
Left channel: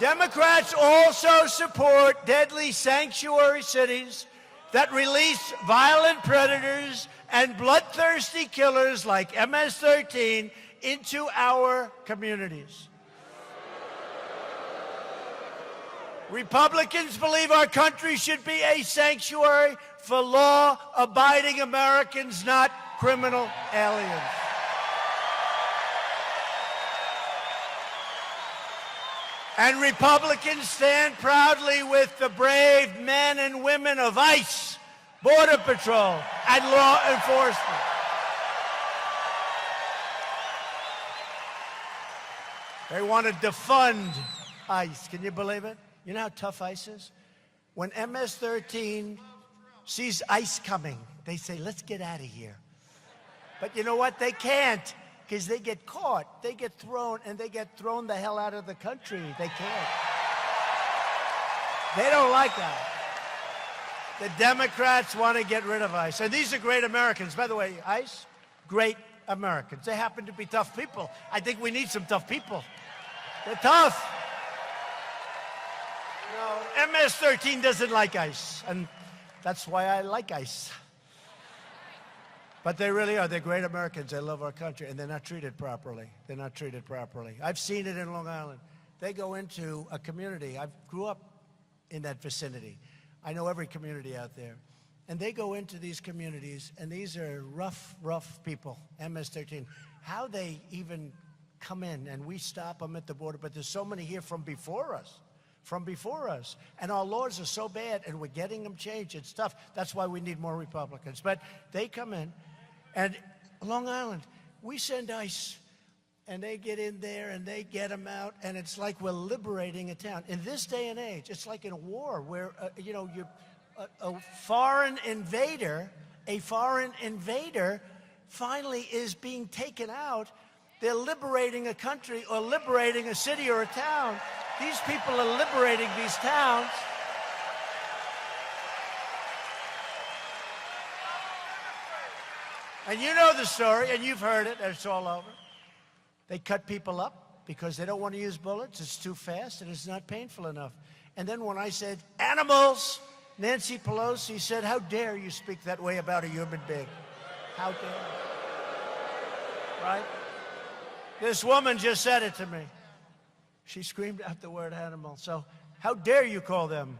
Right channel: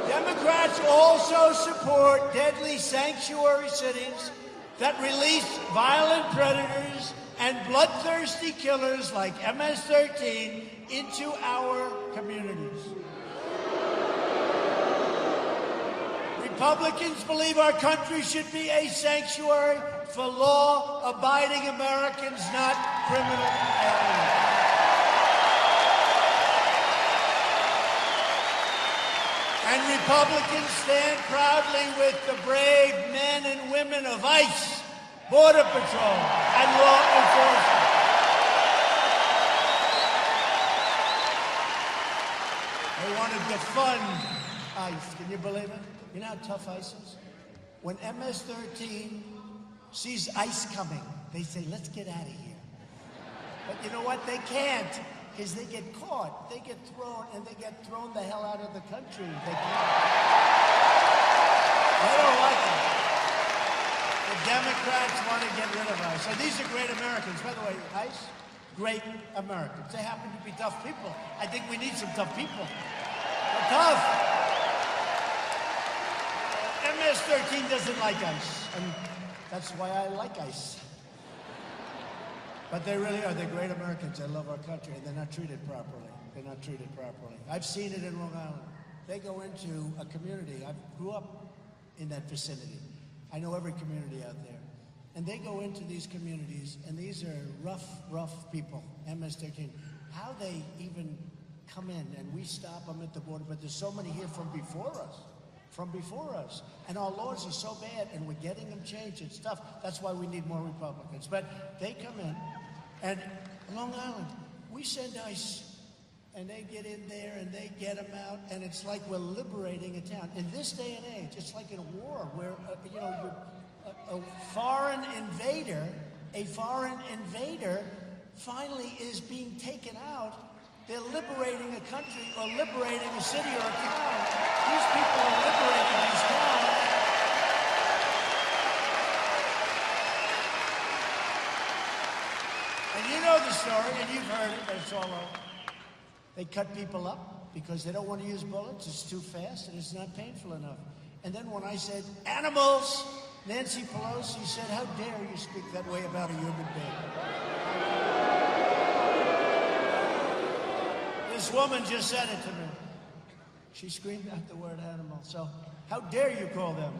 Democrats also support deadly sanctuary cities that release violent predators and bloodthirsty killers like MS-13 into our communities. Republicans believe our country should be a sanctuary for law-abiding Americans, not criminal aliens. And Republicans stand proudly with the brave men and women of ICE, Border Patrol, and law enforcement. They want to defund ICE. Can you believe it? You know how tough ICE is? When MS-13 sees ICE coming, they say, let's get out of here. But you know what? They can't, because they get caught. They get thrown, and they get thrown the hell out of the country. They can't. They don't like it. The Democrats want to get rid of ICE. So these are great Americans. By the way, ICE, great Americans. They happen to be tough people. I think we need some tough people. They're tough. MS-13 doesn't like ICE, and that's why I like ICE. But they really are. They're great Americans. They love our country, and they're not treated properly. They're not treated properly. I've seen it in Long Island. They go into a community. I grew up in that vicinity. I know every community out there. And they go into these communities, and these are rough people, MS-13. How they even come in, and we stop them at the border, but there's so many here from before us. And our laws are so bad, and we're getting them changed and stuff. That's why we need more Republicans. But they come in, and Long Island, we send ICE, and they get in there, and they get them out, and it's like we're liberating a town. In this day and age, it's like in a war where, a foreign invader finally is being taken out. They're liberating a country or liberating a city or a town. These people are liberating these towns. And you know the story, and you've heard it, and it's all over. They cut people up because they don't want to use bullets. It's too fast, and it's not painful enough. And then when I said, animals, Nancy Pelosi said, how dare you speak that way about a human being? How dare you? This woman just said it to me. She screamed out the word animal. So, how dare you call them?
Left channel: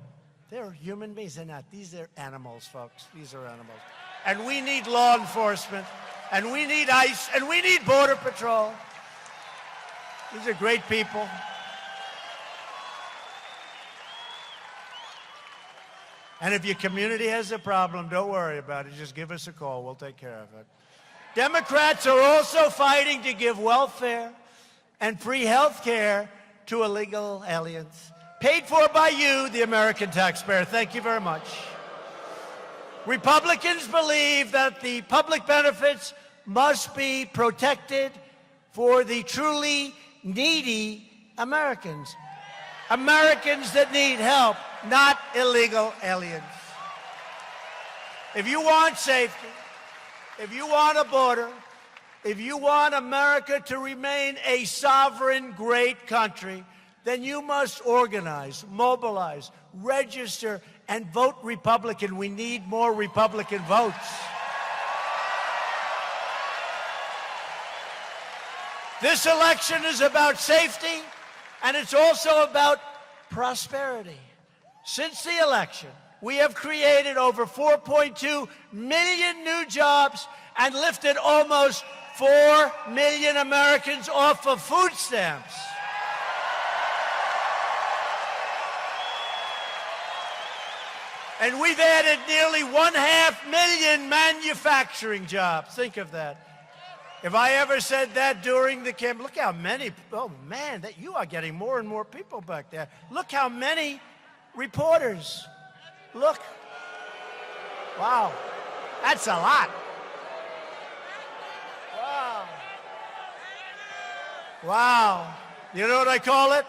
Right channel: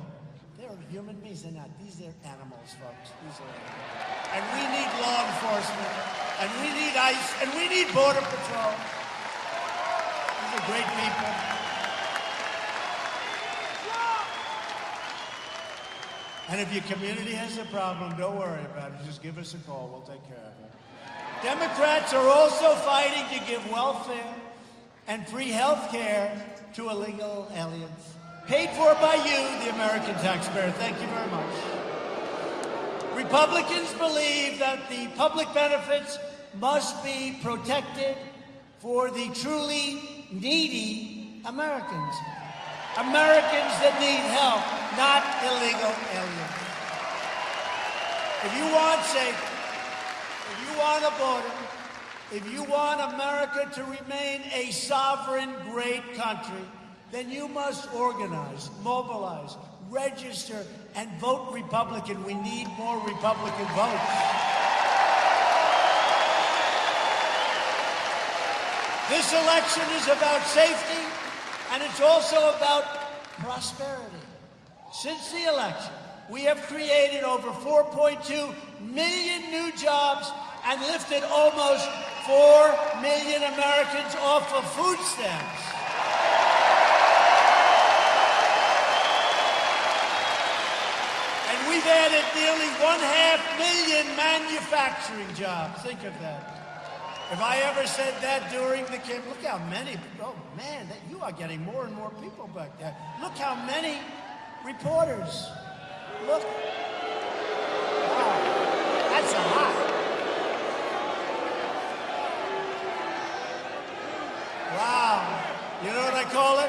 They're human beings. They're not. These are animals, folks. These are animals. And we need law enforcement. And we need ICE. And we need Border Patrol. These are great people. And if your community has a problem, don't worry about it. Just give us a call. We'll take care of it. Democrats are also fighting to give welfare and free health care to illegal aliens, paid for by you, the American taxpayer. Thank you very much. Republicans believe that the public benefits must be protected for the truly needy Americans. Americans that need help, not illegal aliens. If you want safety, if you want a border, if you want America to remain a a sovereign, great country, then you must organize, mobilize, register, and vote Republican. We need more Republican votes. This election is about safety, and it's also about prosperity. Since the election, we have created over 4.2 million new jobs and lifted almost 4 million Americans off of food stamps. And we've added nearly 1/2 million manufacturing jobs. Think of that. If I ever said that during the campaign, look how many, oh man, you are getting more and more people back there. Look how many reporters. Look. Wow, that's a lot. Wow. You know what I call it?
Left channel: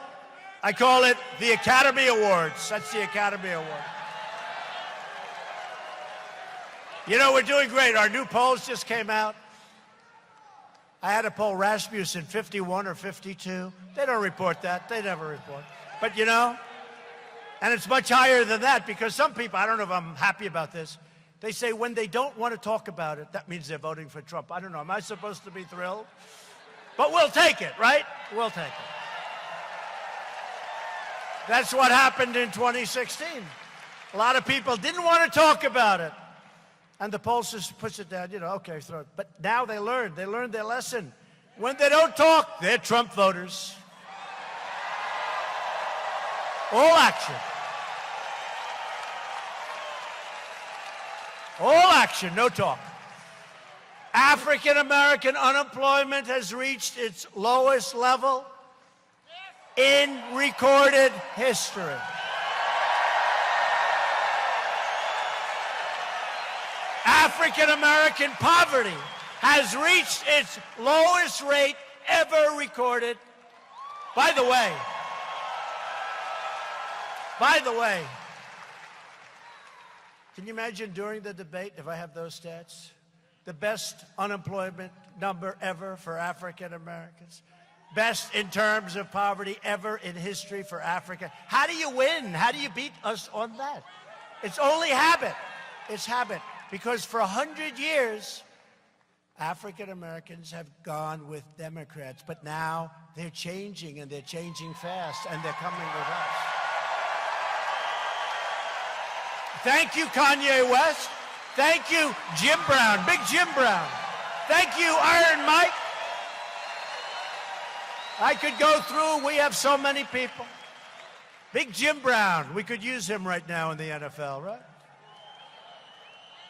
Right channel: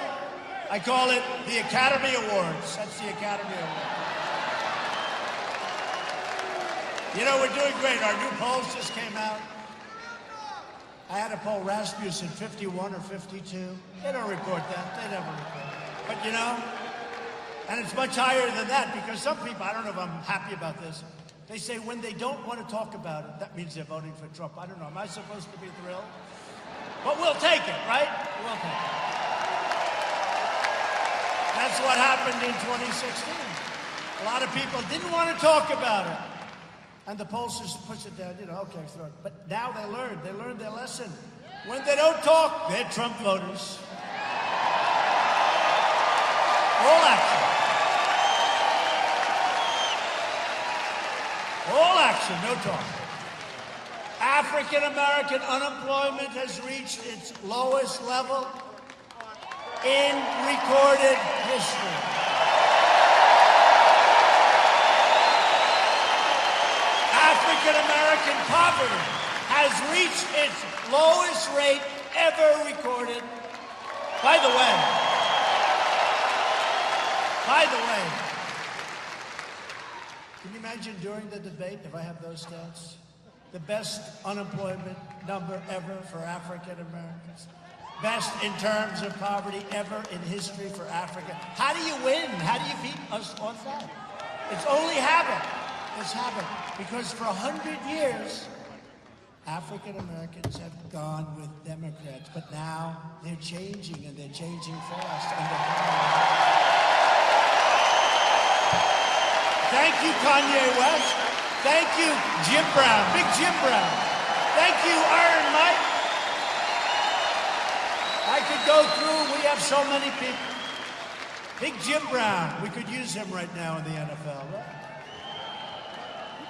I call it the Academy Awards. That's the Academy Award. You know, we're doing great. Our new polls just came out. I had to poll Rasmussen 51 or 52. They don't report that. They never report. But you know, and it's much higher than that because some people, I don't know if I'm happy about this, they say when they don't want to talk about it, that means they're voting for Trump. I don't know. Am I supposed to be thrilled? But we'll take it, right? We'll take it. That's what happened in 2016. A lot of people didn't want to talk about it. And the poll just puts it down, you know, okay, throw it. But now they learned their lesson. When they don't talk, they're Trump voters. All action. All action, no talk. African-American unemployment has reached its lowest level in recorded history. African-American poverty has reached its lowest rate ever recorded. By the way, can you imagine during the debate, if I have those stats, the best unemployment number ever for African Americans? Best in terms of poverty ever in history for Africa. How do you win? How do you beat us on that? It's only habit. It's habit. Because for 100 years, African Americans have gone with Democrats, but now they're changing, and they're changing fast, and they're coming around. Thank you, Kanye West. Thank you, Jim Brown, Big Jim Brown. Thank you, Iron Mike. I could go through, we have so many people. Big Jim Brown, we could use him right now in the NFL, right?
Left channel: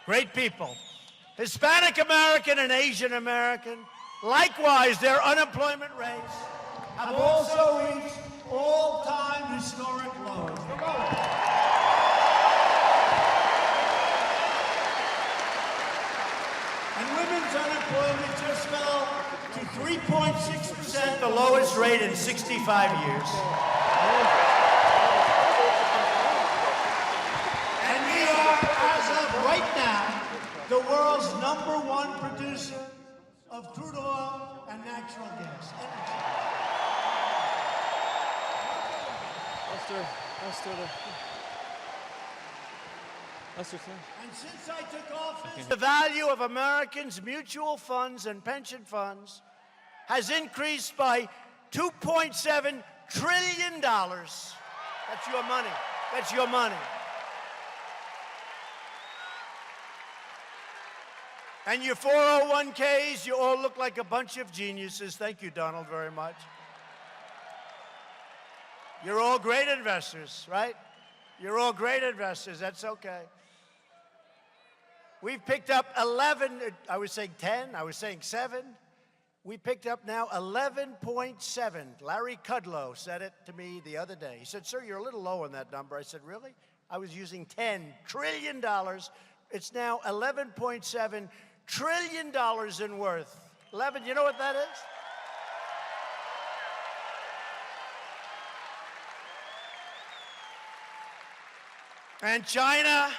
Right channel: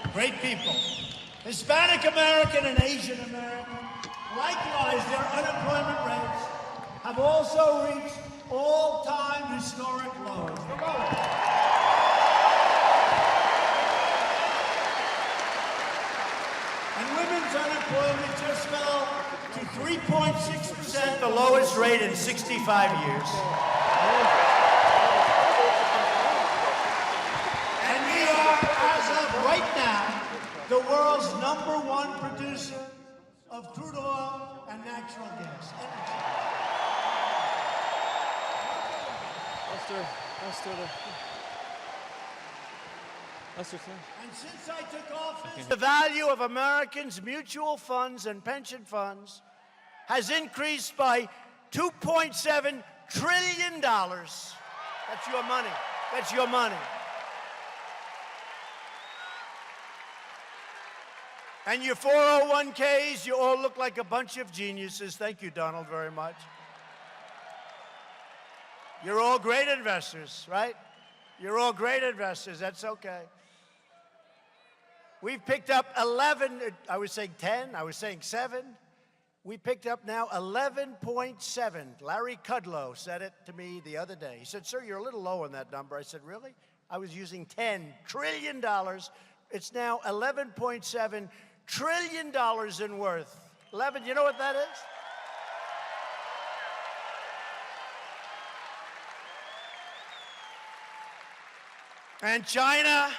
Great people. Hispanic American and Asian American. Likewise, their unemployment rates have also reached all-time historic lows. And women's unemployment just fell to 3.6%, the lowest rate in 65 years. And we are, as of right now, the world's #1 producer of crude oil and natural gas. And since I took office, the value of Americans' mutual funds and pension funds has increased by $2.7 trillion. That's your money. That's your money. And your 401ks, you all look like a bunch of geniuses. Thank you, Donald, very much. You're all great investors, right? You're all great investors. That's okay. We've picked up 11, I was saying 10, I was saying 7. We picked up now 11.7. Larry Kudlow said it to me the other day. He said, sir, you're a little low on that number. I said, really? I was using $10 trillion. It's now $11.7 trillion in worth. 11, you know what that is? And China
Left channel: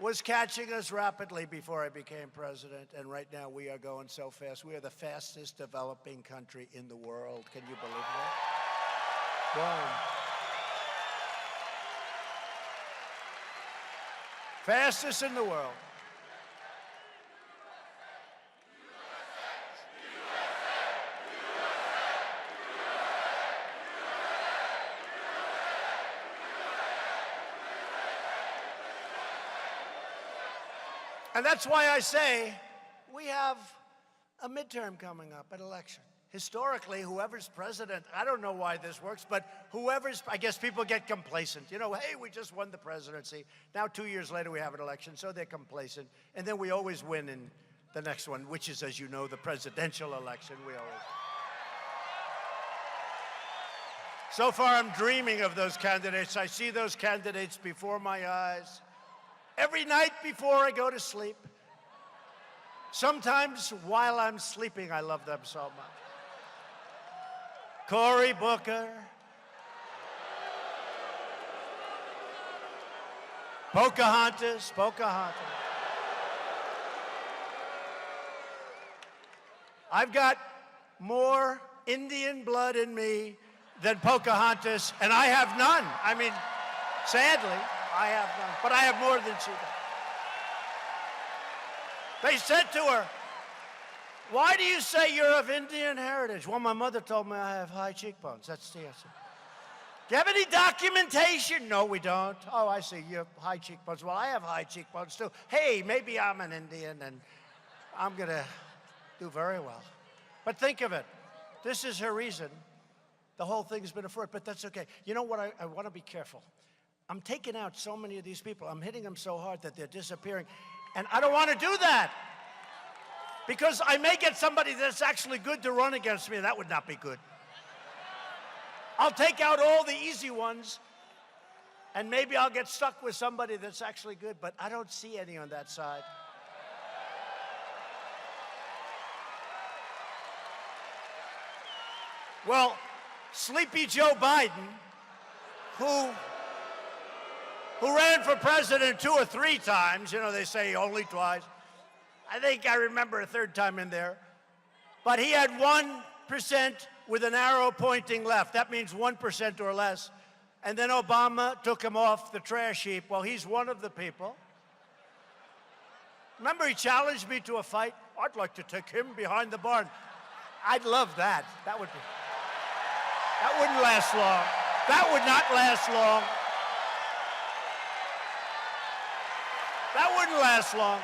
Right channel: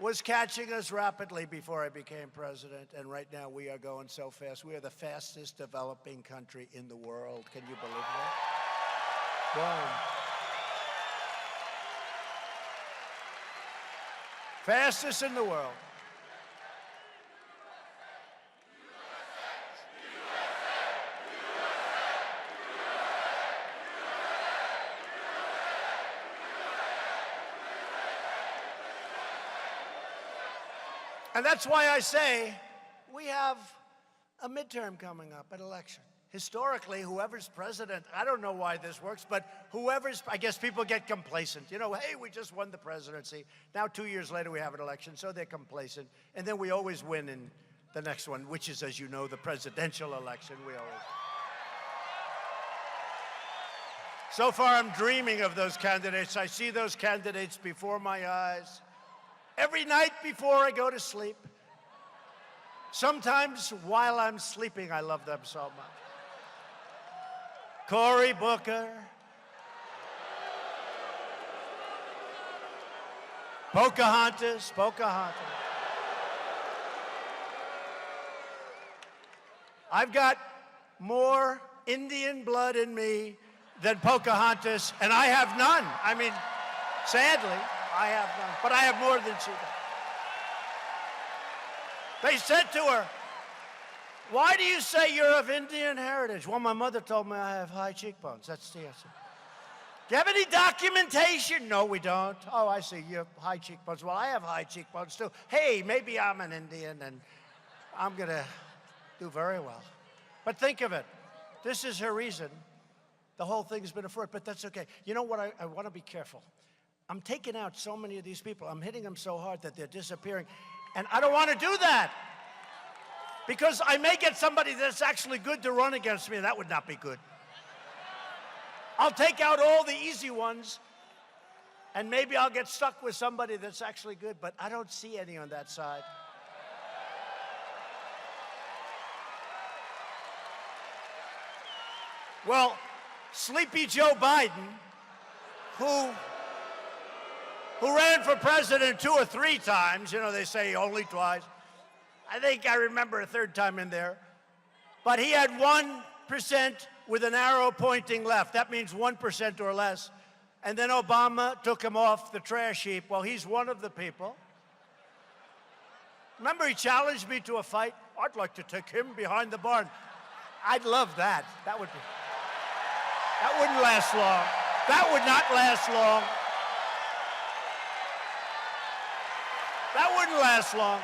was catching us rapidly before I became president, and right now we are going so fast. We are the fastest developing country in the world. Can you believe that? Boom. Fastest in the world. And that's why I say we have a midterm coming up, an election. Historically, whoever's president, I don't know why this works, but I guess people get complacent. You know, hey, we just won the presidency. Now 2 years later, we have an election, so they're complacent. And then we always win in the next one, which is, as you know, the presidential election. We always. So far, I'm dreaming of those candidates. I see those candidates before my eyes. Every night before I go to sleep. Sometimes while I'm sleeping, I love them so much. Cory Booker. Pocahontas. I've got more Indian blood in me than Pocahontas, and I have none. I mean, sadly, I have none, but I have more than she does. They said to her, "Why do you say you're of Indian heritage?" Well, my mother told me I have high cheekbones. That's the answer. Do you have any documentation? No, we don't. Oh, I see, you have high cheekbones. Well, I have high cheekbones too. Hey, maybe I'm an Indian and I'm gonna do very well. But think of it. This is her reason. The whole thing's been a fraud, but that's okay. You know what? I want to be careful. I'm taking out so many of these people. I'm hitting them so hard that they're disappearing. And I don't want to do that. Because I may get somebody that's actually good to run against me, and that would not be good. I'll take out all the easy ones, and maybe I'll get stuck with somebody that's actually good, but I don't see any on that side. Well, Sleepy Joe Biden, who ran for president 2 or 3 times, you know, they say only twice. I think I remember a third time in there. But he had 1% with an arrow pointing left. That means 1% or less. And then Obama took him off the trash heap. Well, he's one of the people. Remember, he challenged me to a fight? I'd like to take him behind the barn. I'd love that. That wouldn't last long. That would not last long. That wouldn't last long.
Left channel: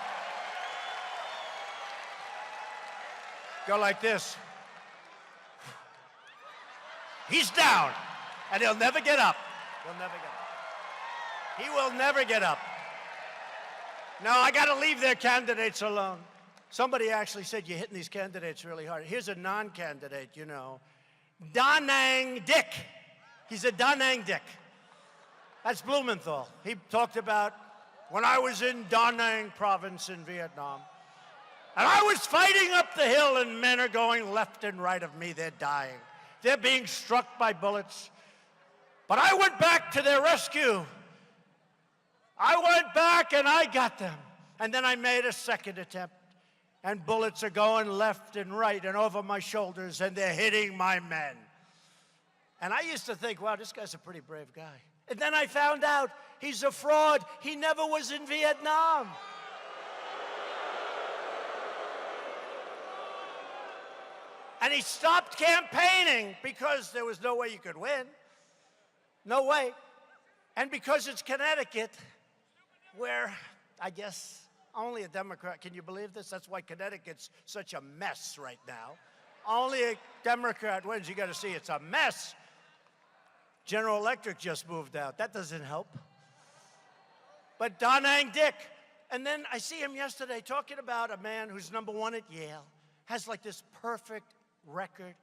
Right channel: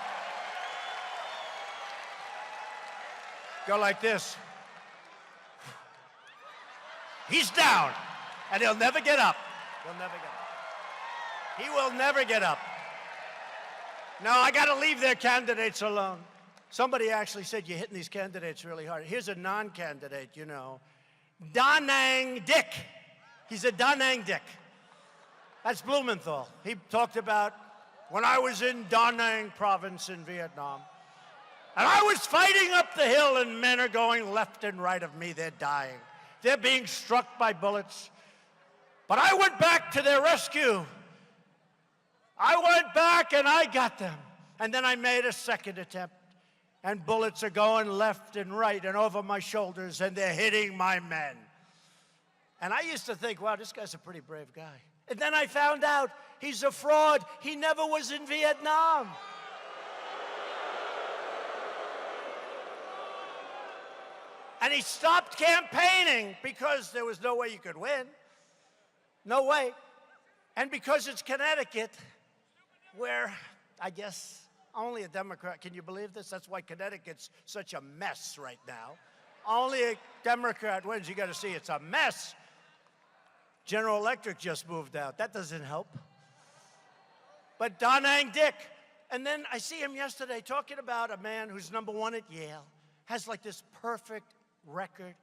Go like this. He's down, and he'll never get up. He'll never get up. He will never get up. No, I got to leave their candidates alone. Somebody actually said you're hitting these candidates really hard. Here's a non-candidate, you know. Da Nang Dick. He's a Da Nang Dick. That's Blumenthal. He talked about when I was in Da Nang province in Vietnam. And I was fighting up the hill, and men are going left and right of me. They're dying. They're being struck by bullets. But I went back to their rescue. I went back and I got them. And then I made a second attempt. And bullets are going left and right and over my shoulders, and they're hitting my men. And I used to think, wow, this guy's a pretty brave guy. And then I found out he's a fraud. He never was in Vietnam. And he stopped campaigning because there was no way you could win. No way. And because it's Connecticut, where I guess only a Democrat, can you believe this? That's why Connecticut's such a mess right now. Only a Democrat wins. You got to see it's a mess. General Electric just moved out. That doesn't help. But Da Nang Dick. And then I see him yesterday talking about a man who's #1 at Yale, has like this perfect record,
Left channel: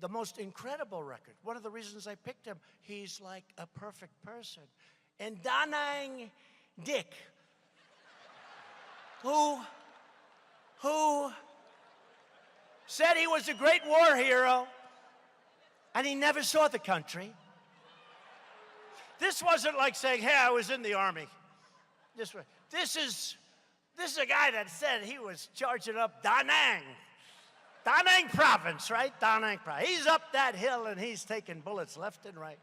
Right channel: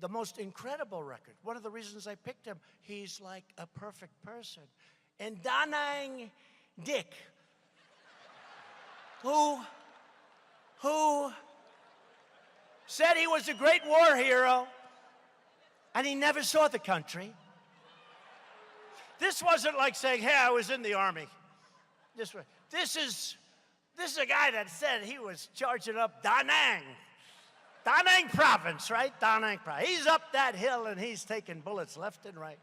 the most incredible record. One of the reasons I picked him, he's like a perfect person. And Da Nang Dick, who said he was a great war hero, and he never saw the country. This wasn't like saying, hey, I was in the Army. This is a guy that said he was charging up Da Nang. Da Nang province, right? Da Nang province. He's up that hill and he's taking bullets left and right.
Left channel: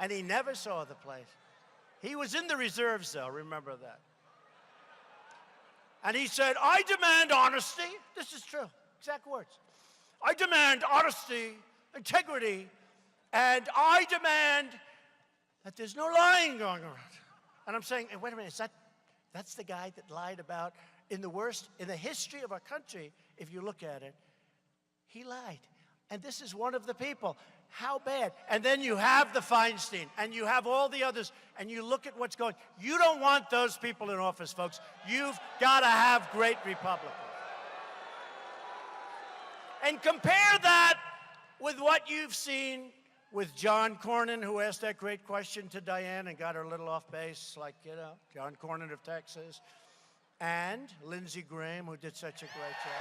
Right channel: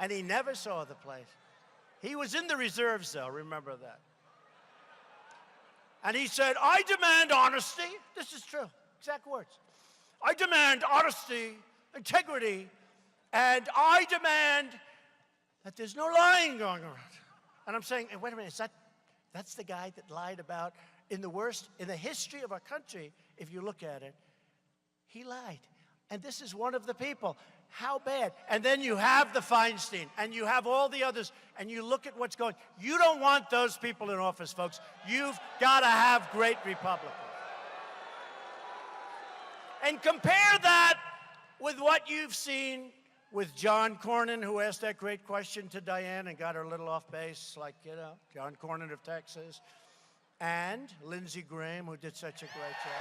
And he never saw the place. He was in the reserves, though, remember that. And he said, I demand honesty. This is true, exact words. I demand honesty, integrity, and I demand that there's no lying going around. And I'm saying, hey, wait a minute, that's the guy that lied about in the history of our country, if you look at it, he lied. And this is one of the people. How bad? And then you have the Feinstein, and you have all the others, and you look at what's going. You don't want those people in office, folks. You've got to have great Republicans. And compare that with what you've seen with John Cornyn, who asked that great question to Diane and got her a little off base, like, you know, John Cornyn of Texas, and Lindsey Graham, who did such a great job.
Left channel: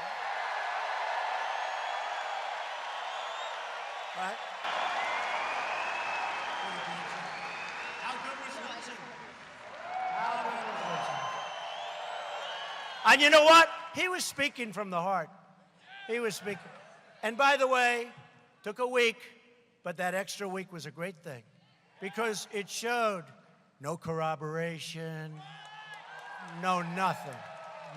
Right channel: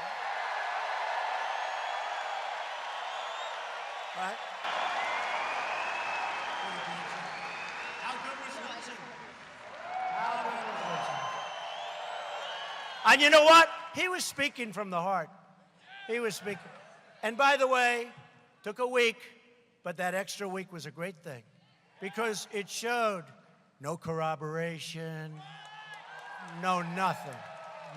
Right? How good was Lindsey? How good was Lindsey? And you know what? He was speaking from the heart. He was speaking. And by the way, took a week, but that extra week was a great thing because it showed no corroboration, no nothing.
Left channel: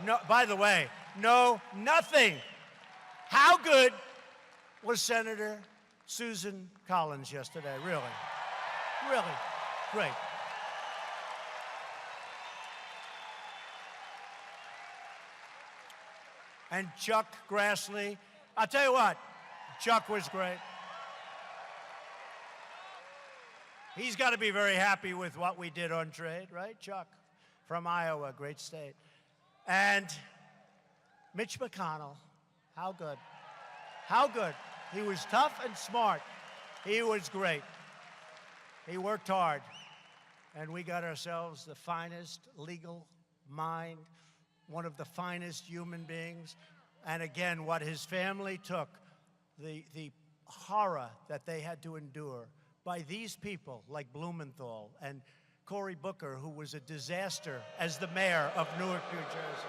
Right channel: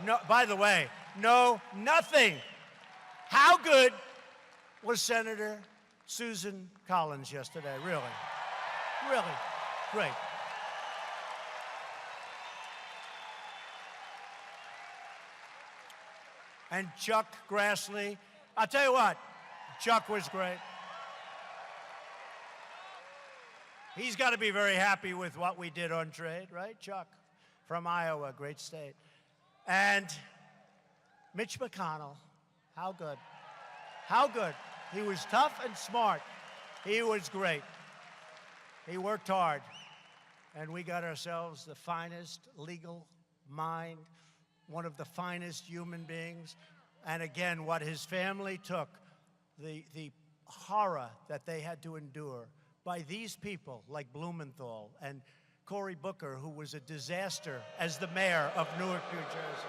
No, by the way, no nothing. How good was Senator Susan Collins yesterday? Really, really great. And Chuck Grassley, I'll tell you what, Chuck was great. He's got to be very happy with what we did on trade, right, Chuck? From Iowa, great state. And Mitch McConnell, how good? How good? He was tough and smart. He was great. He worked hard. And we got ourselves the finest legal mind, one of the finest human beings. And again, what his family took, the horror that they had to endure by these people like Blumenthal and Cory Booker, who was a disaster as the mayor of Newark, New Jersey.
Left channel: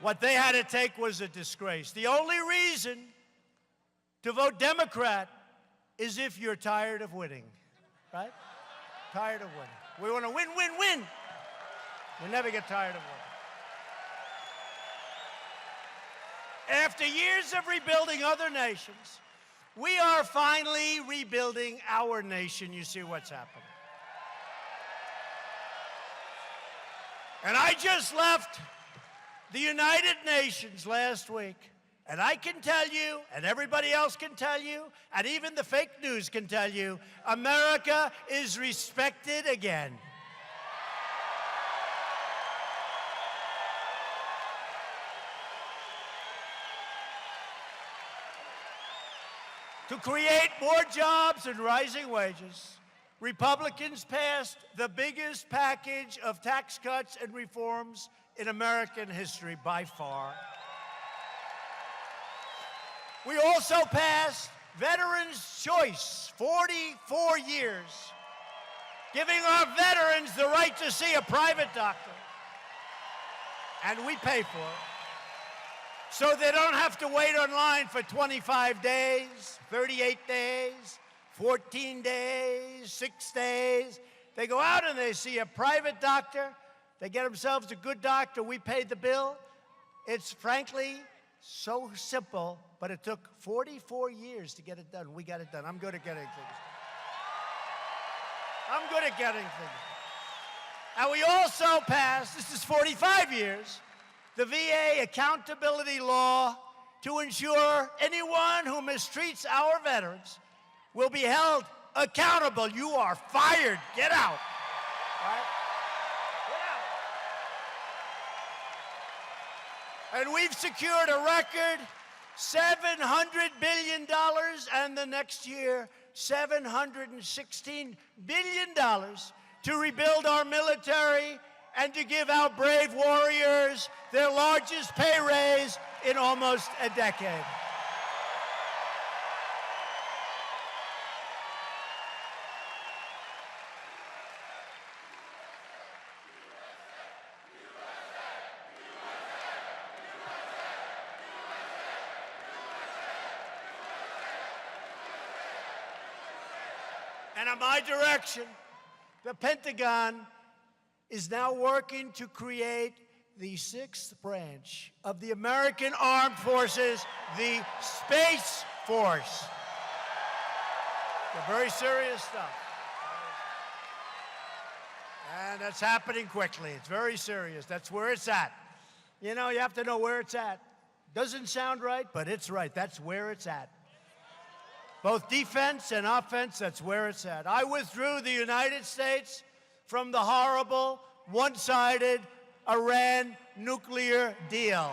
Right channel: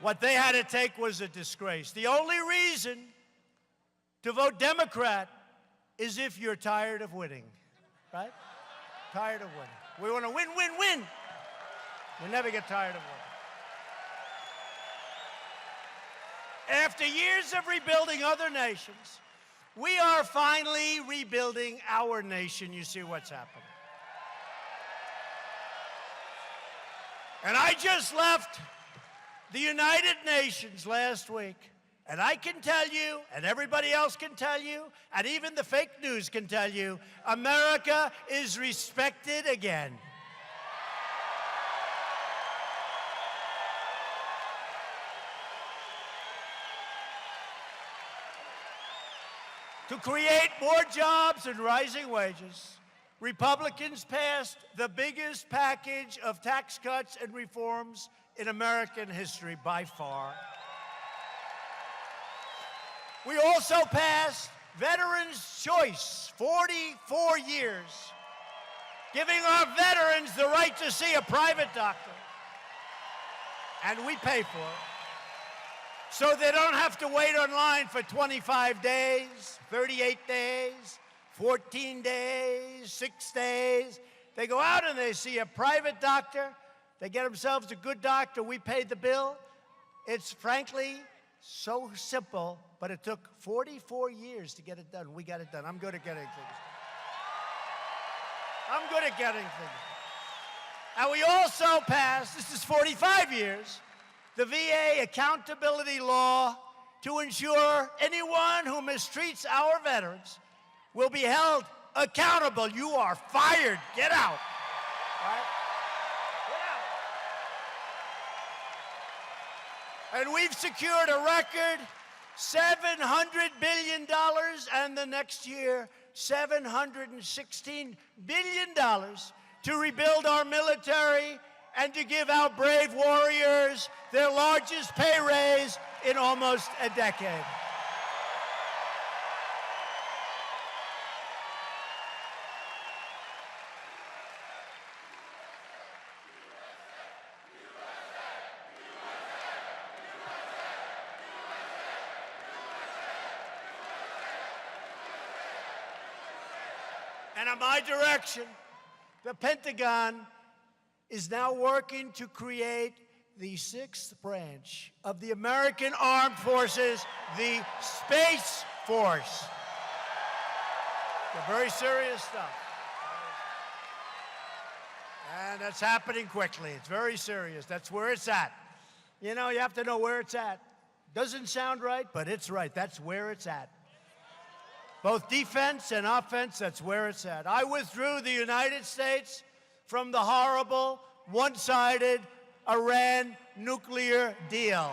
What they had to take was a disgrace. The only reason to vote Democrat is if you're tired of winning, right? Tired of winning. We want to win, win, win. We never get tired of winning. After years of rebuilding other nations, we are finally rebuilding our nation. You see what's happening. And I just left the United Nations last week, and I can tell you, and everybody else can tell you, and even the fake news can tell you, America is respected again. To create more jobs and rising wages, Republicans passed the biggest package of tax cuts and reforms in American history by far. We also passed Veterans' Choice, 44 years, giving our veterans the right to see a private doctor. And we pay for it. So they don't have to wait online for 25 days, 38 days, 14 days, 6 days. They go out and they see a private doctor. They get themselves a good doctor. We paid the bill. It's frankly so simple, but it took 44 years to get it done. We got it done. I'm good at getting things. I'm good at getting things. And we also passed, this is 45 years, the VA accountability law to ensure anyone who mistreats our veterans will be held accountable. You are fired. Get out. Right? Get out. And we've secured a record $700 billion, and the next year, $716 billion to rebuild our military and to give our brave warriors their largest pay raise in almost a decade. And on my direction, the Pentagon is now working to create the sixth branch of the American Armed Forces, the Space Force. It's very serious stuff. And that's happening quickly. It's very serious. That's where it's at. You know, you have to know where it's at. Doesn't sound right, but it's right. That's where it's at. Both defense and offense, that's where it's at. I withdrew the United States from the horrible, one-sided Iran nuclear deal.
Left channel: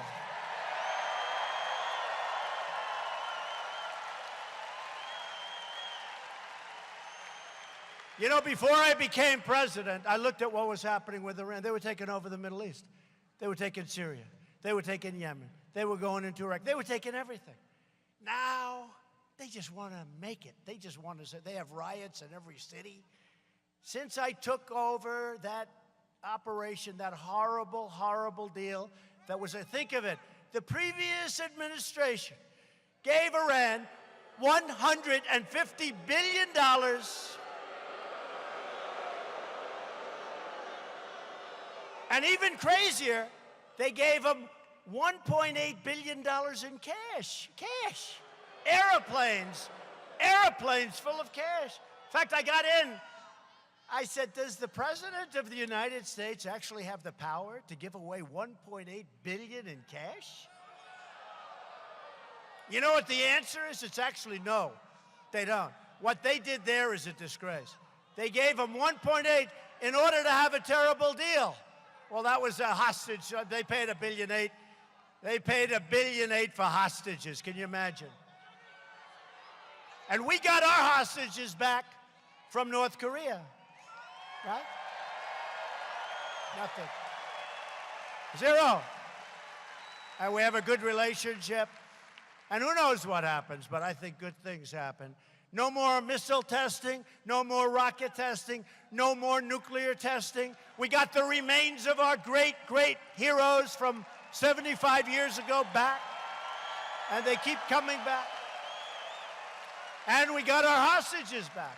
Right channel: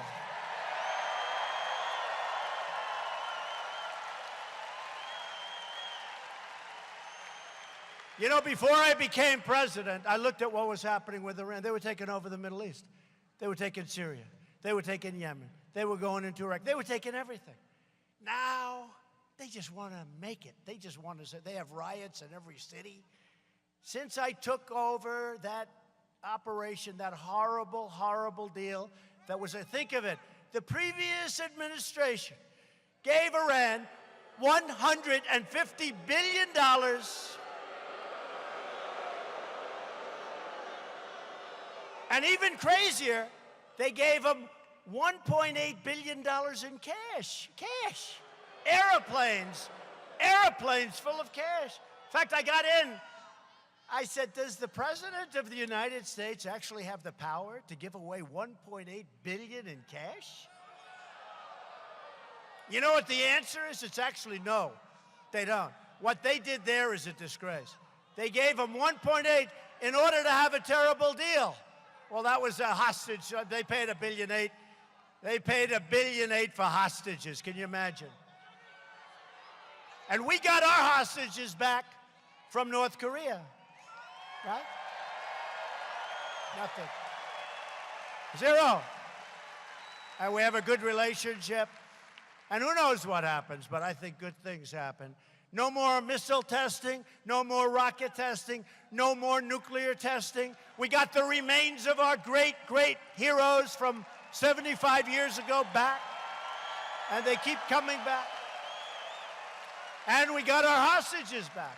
You know, before I became president, I looked at what was happening with Iran. They were taking over the Middle East. They were taking Syria. They were taking Yemen. They were going into Iraq. They were taking everything. Now, they just want to make it. They just want to say, they have riots in every city. Since I took over that operation, that horrible, horrible deal, that was, think of it, the previous administration gave Iran $150 billion. And even crazier, they gave them $1.8 billion in cash. Cash. Airplanes full of cash. In fact, I got in. I said, does the President of the United States actually have the power to give away $1.8 billion in cash? You know what the answer is? It's actually no, they don't. What they did there is a disgrace. They gave them 1.8 in order to have a terrible deal. Well, that was a hostage. They paid $1.8 billion. They paid $1.8 billion for hostages. Can you imagine? And we got our hostages back from North Korea. Right? Nothing. Zero. And we have a good relationship. And who knows what happens, but I think good things happen. No more missile testing, no more rocket testing, no more nuclear testing. We got the remains of our great, great heroes from 75 years ago back, and they keep coming back. And we got our hostages back.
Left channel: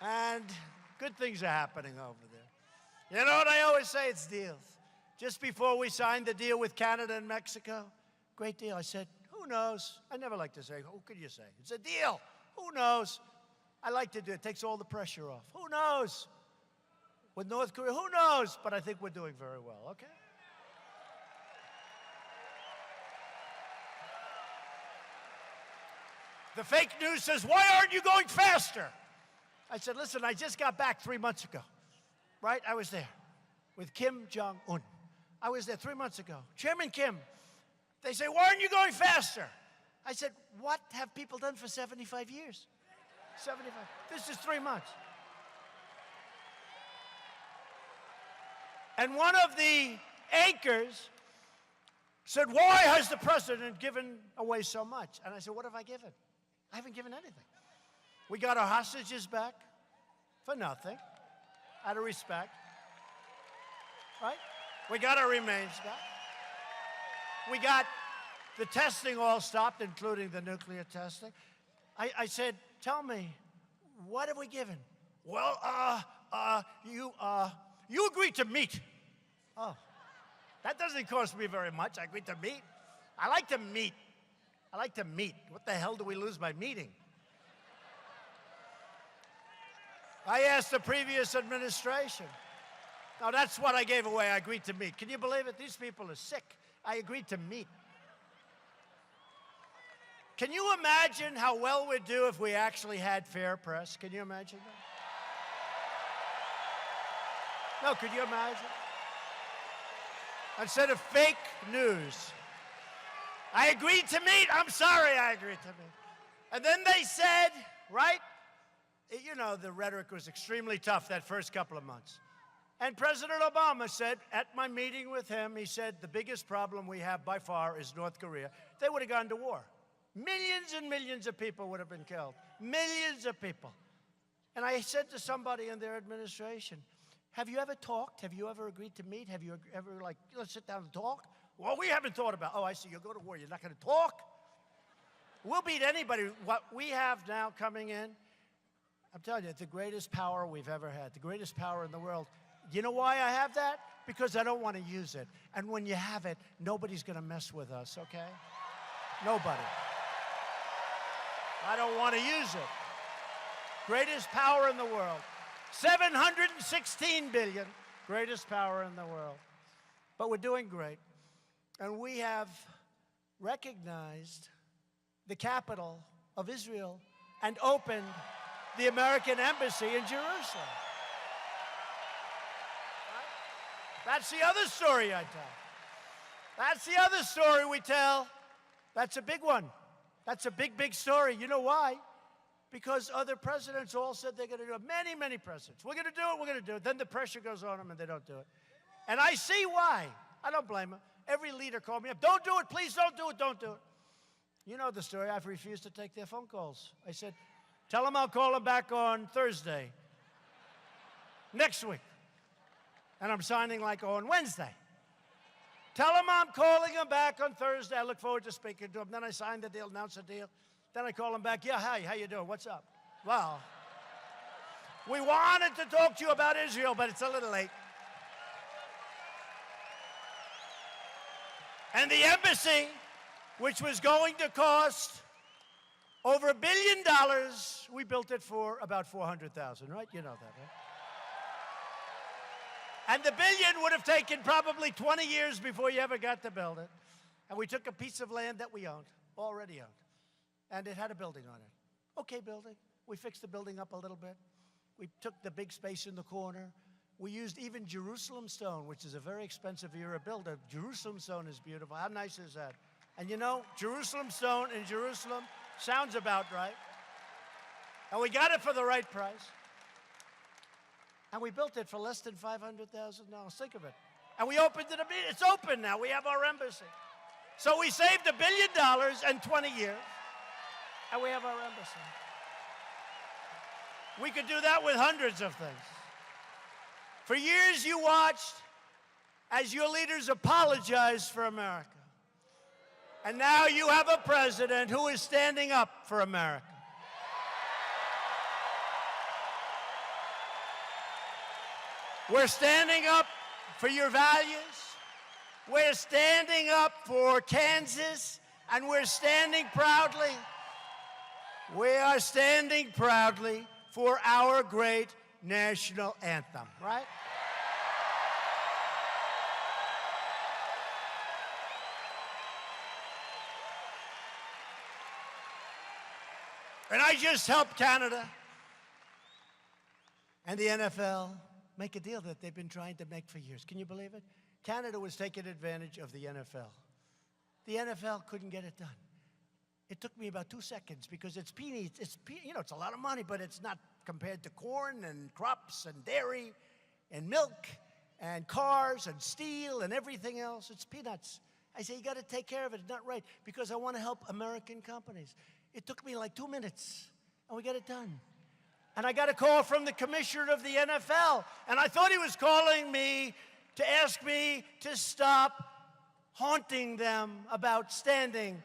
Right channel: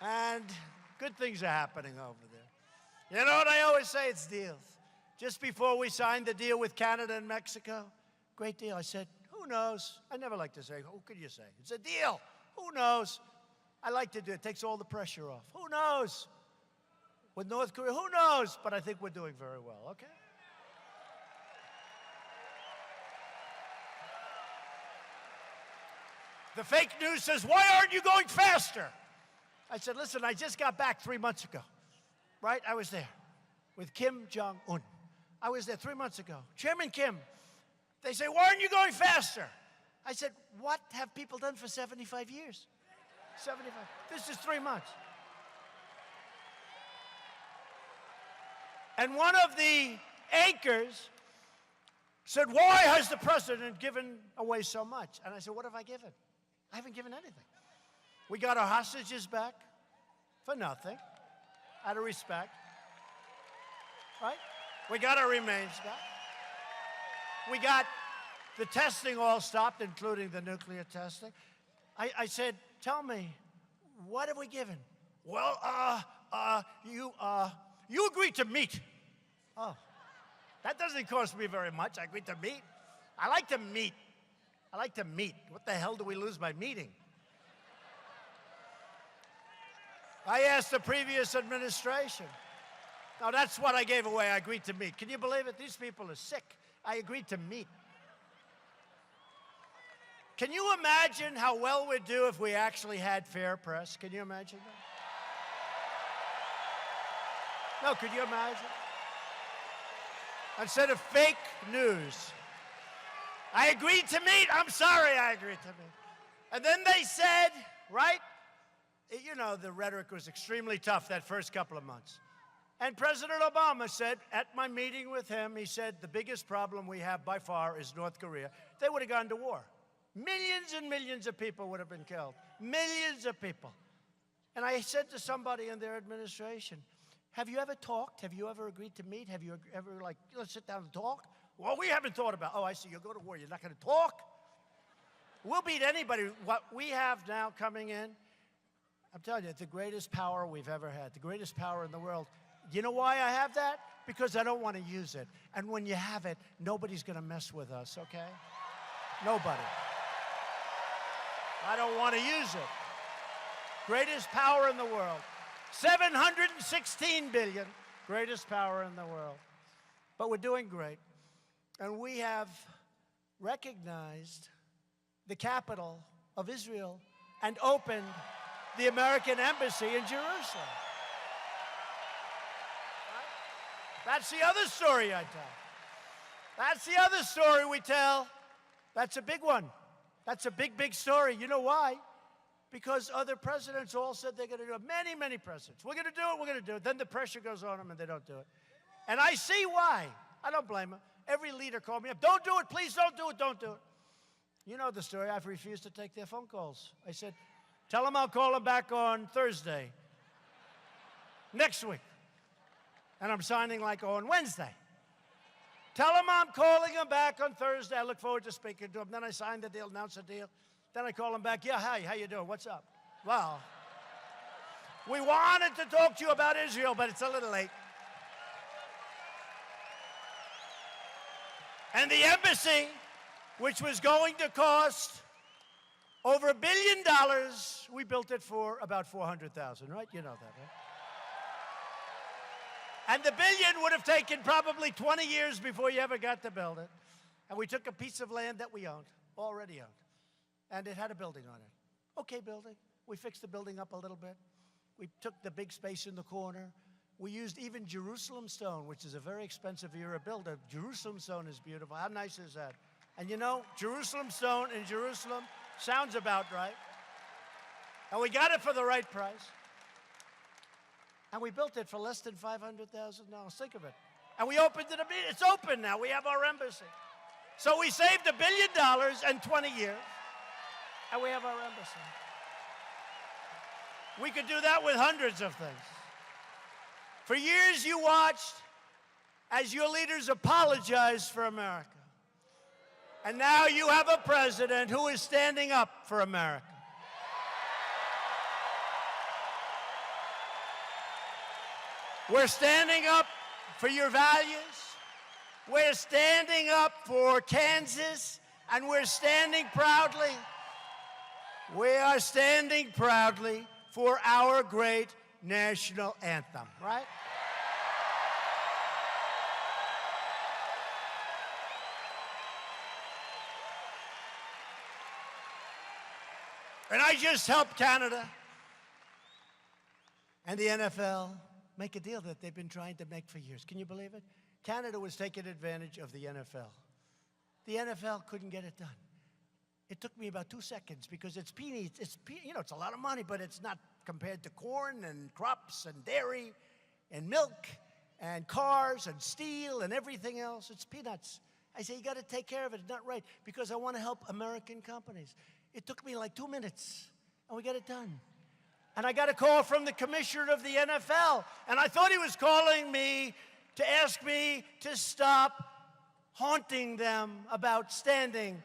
And good things are happening over there. You know what I always say? It's deals. Just before we signed the deal with Canada and Mexico, great deal. I said, who knows? I never like to say, who could you say? It's a deal. Who knows? I like to do it. It takes all the pressure off. Who knows? With North Korea, who knows? But I think we're doing very well, okay? The fake news says, why aren't you going faster? I said, listen, I just got back 3 months ago, right? I was there with Kim Jong-un. I was there 3 months ago. Chairman Kim, they say, why aren't you going faster? I said, what have people done for 75 years? 75. This is 3 months. And one of the anchors said, why has the president given away so much? And I said, what have I given? I haven't given anything. We got our hostages back for nothing, out of respect, right? We got our remains back. We got the testing all stopped, including the nuclear testing. I said, tell me, what have we given? Well, you agreed to meet. Oh, that doesn't cost me very much. I agreed to meet. I like to meet. I like to meet. What the hell do we lose by meeting? I asked the previous administration. Now, that's what I gave away. I agreed to meet. Can you believe it? These people are sick. I agreed to meet. Can you imagine how well we'd do if we actually had fair press? Can you imagine that? No, could you imagine? Instead of fake news. I agreed to meet. I'm sorry I agreed to meet. And then they said, right? You know, the rhetoric was extremely tough that first couple of months. And President Obama said, at my meeting with him, he said, the biggest problem we have by far is North Korea. They would have gone to war. Millions and millions of people would have been killed. Millions of people. And I said to somebody in their administration, have you ever talked? Have you ever agreed to meet? Have you ever, like, let's sit down and talk? Well, we haven't thought about, oh, I see, you'll go to war. You're not going to talk? We'll beat anybody. What we have now coming in, I'm telling you, it's the greatest power we've ever had, the greatest power in the world. You know why I have that? Because I don't want to use it. And when you have it, nobody's going to mess with us, okay? Nobody. I don't want to use it. Greatest power in the world. 716 billion, greatest power in the world. But we're doing great. And we have recognized the capital of Israel and opened the American embassy in Jerusalem. Right? That's the other story I tell. That's the other story we tell. That's a big one. That's a big, big story. You know why? Because other presidents all said they're going to do it. Many, many presidents. We're going to do it, we're going to do it. Then the pressure goes on them and they don't do it. And I see why. I don't blame them. Every leader called me up. Don't do it. Please don't do it. Don't do it. You know the story. I've refused to take their phone calls. I said, tell them I'll call them back on Thursday. Next week. And I'm signing like on Wednesday. Tell them I'm calling them back on Thursday. I look forward to speaking to them. Then I sign the deal, announce the deal. Then I call them back. Yeah, hi, how you doing? What's up? Well, we wanted to talk to you about Israel, but it's a little late. And the embassy, which was going to cost over $1 billion, we built it for about $400,000, right? You know that, right? And the billion would have taken probably 20 years before you ever got to build it. And we took a piece of land that we owned, already owned, and it had a building on it. Okay, building. We fixed the building up a little bit. We took the big space in the corner. We used even Jerusalem stone, which is a very expensive era builder. Jerusalem stone is beautiful. How nice is that? And you know, Jerusalem stone in Jerusalem sounds about right. And we got it for the right price. And we built it for less than $500,000. Think of it. And we opened it. It's open now. We have our embassy. So we saved $1 billion in 20 years. And we have our embassy. We could do that with hundreds of things. For years you watched as your leaders apologized for America. And now you have a president who is standing up for America. We're standing up for your values. We're standing up for Kansas, and we're standing proudly. We are standing proudly for our great national anthem, right? And I just helped Canada and the NFL make a deal that they've been trying to make for years. Can you believe it? Canada was taking advantage of the NFL. The NFL couldn't get it done. It took me about 2 seconds because it's peanuts. It's a lot of money, but it's not compared to corn and crops and dairy and milk and cars and steel and everything else. It's peanuts. I say, you got to take care of it. It's not right because I want to help American companies. It took me like 2 minutes, and we got it done. And I got a call from the commissioner of the NFL, and I thought he was calling me to ask me to stop haunting them about standing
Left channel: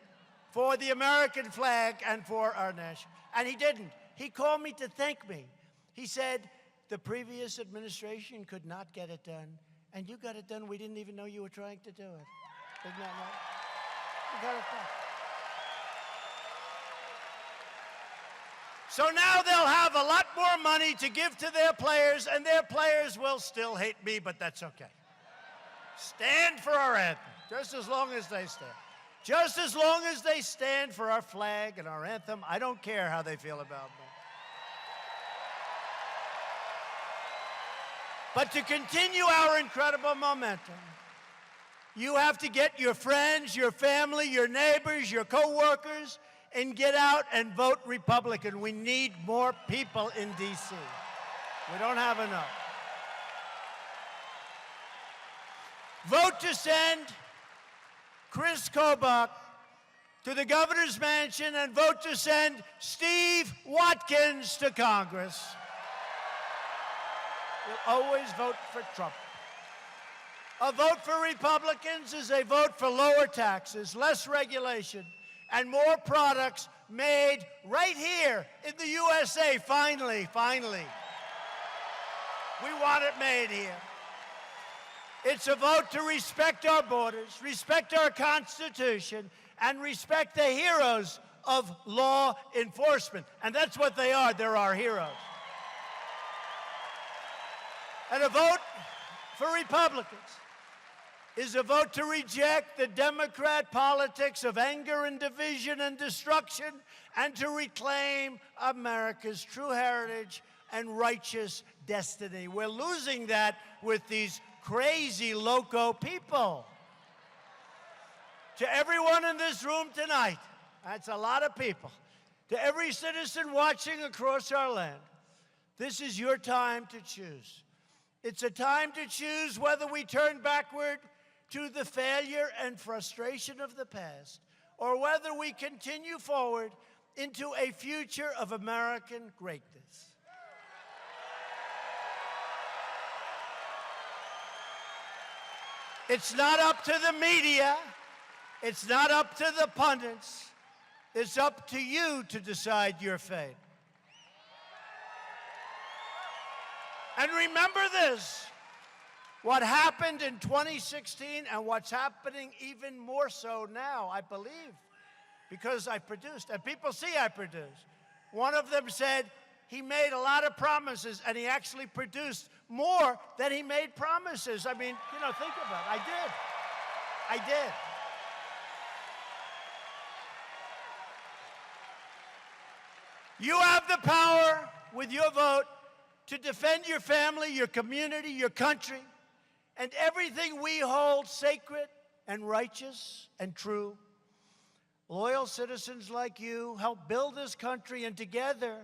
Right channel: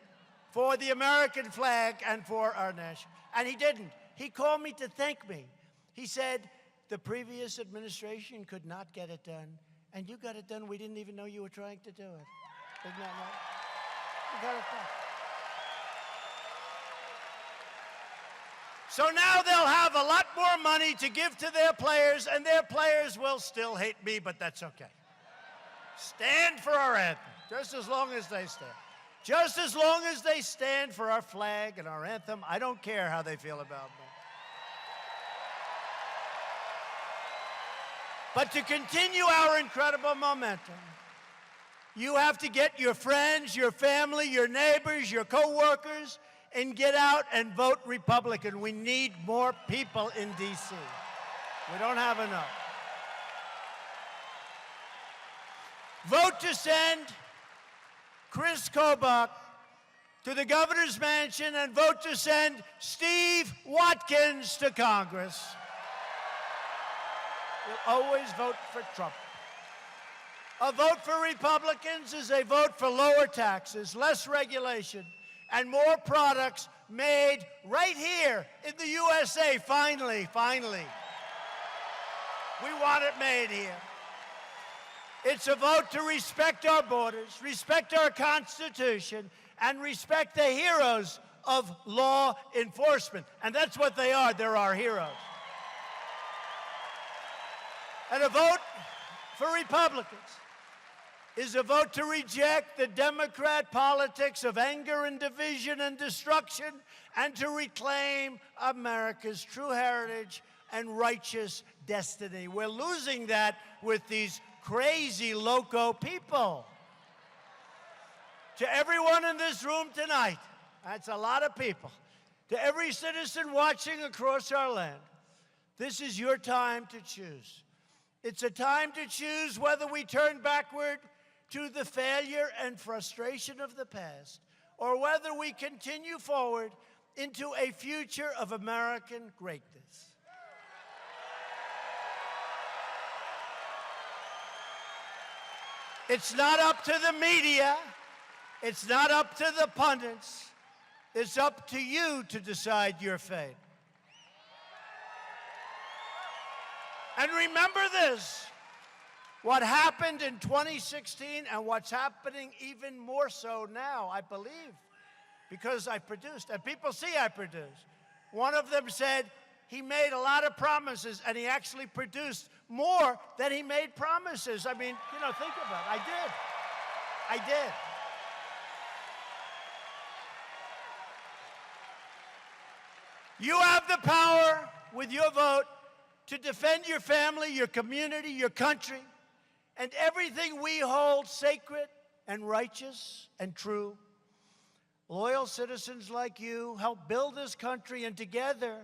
for the American flag and for our nation. And he didn't. He called me to thank me. He said, the previous administration could not get it done, and you got it done. We didn't even know you were trying to do it. Did not know. You got it done. So now they'll have a lot more money to give to their players, and their players will still hate me, but that's okay. Stand for our anthem, just as long as they stand. Just as long as they stand for our flag and our anthem, I don't care how they feel about me. But to continue our incredible momentum, you have to get your friends, your family, your neighbors, your co-workers, and get out and vote Republican. We need more people in D.C. We don't have enough. Vote to send Chris Kobach to the governor's mansion and vote to send Steve Watkins to Congress. We'll always vote for Trump. A vote for Republicans is a vote for lower taxes, less regulation, and more products made right here in the USA, finally. We want it made here. It's a vote to respect our borders, respect our Constitution, and respect the heroes of law enforcement. And that's what they are. They're our heroes. And a vote for Republicans is a vote to reject the Democrat politics of anger and division and destruction, and to reclaim America's true heritage and righteous destiny. We're losing that with these crazy, loco people. To everyone in this room tonight, that's a lot of people, to every citizen watching across our land, this is your time to choose. It's a time to choose whether we turn backward to the failure and frustration of the past, or whether we continue forward into a future of American greatness. It's not up to the media. It's not up to the pundits. It's up to you to decide your fate. And remember this, what happened in 2016 and what's happening even more so now, I believe, because I produced, and people see I produced. One of them said he made a lot of promises, and he actually produced more than he made promises. I mean, you know, think about it. I did. You have the power with your vote to defend your family, your community, your country, and everything we hold sacred and righteous and true. Loyal citizens like you help build this country, and together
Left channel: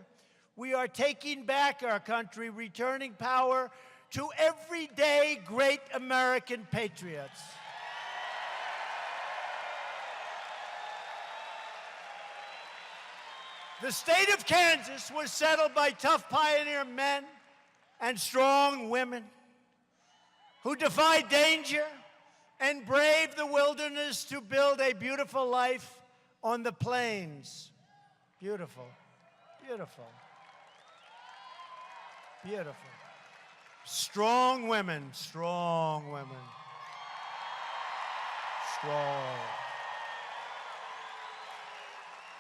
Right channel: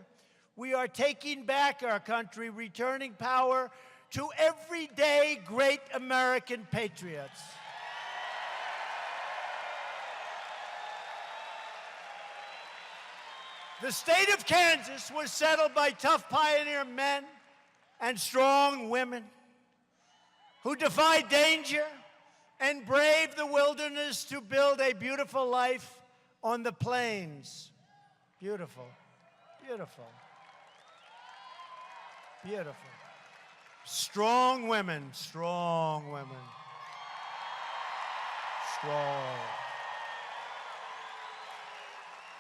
we are taking back our country, returning power to everyday great American patriots. The state of Kansas was settled by tough pioneer men and strong women who defied danger and braved the wilderness to build a beautiful life on the plains. Beautiful, beautiful, beautiful. Strong women, strong women. Strong.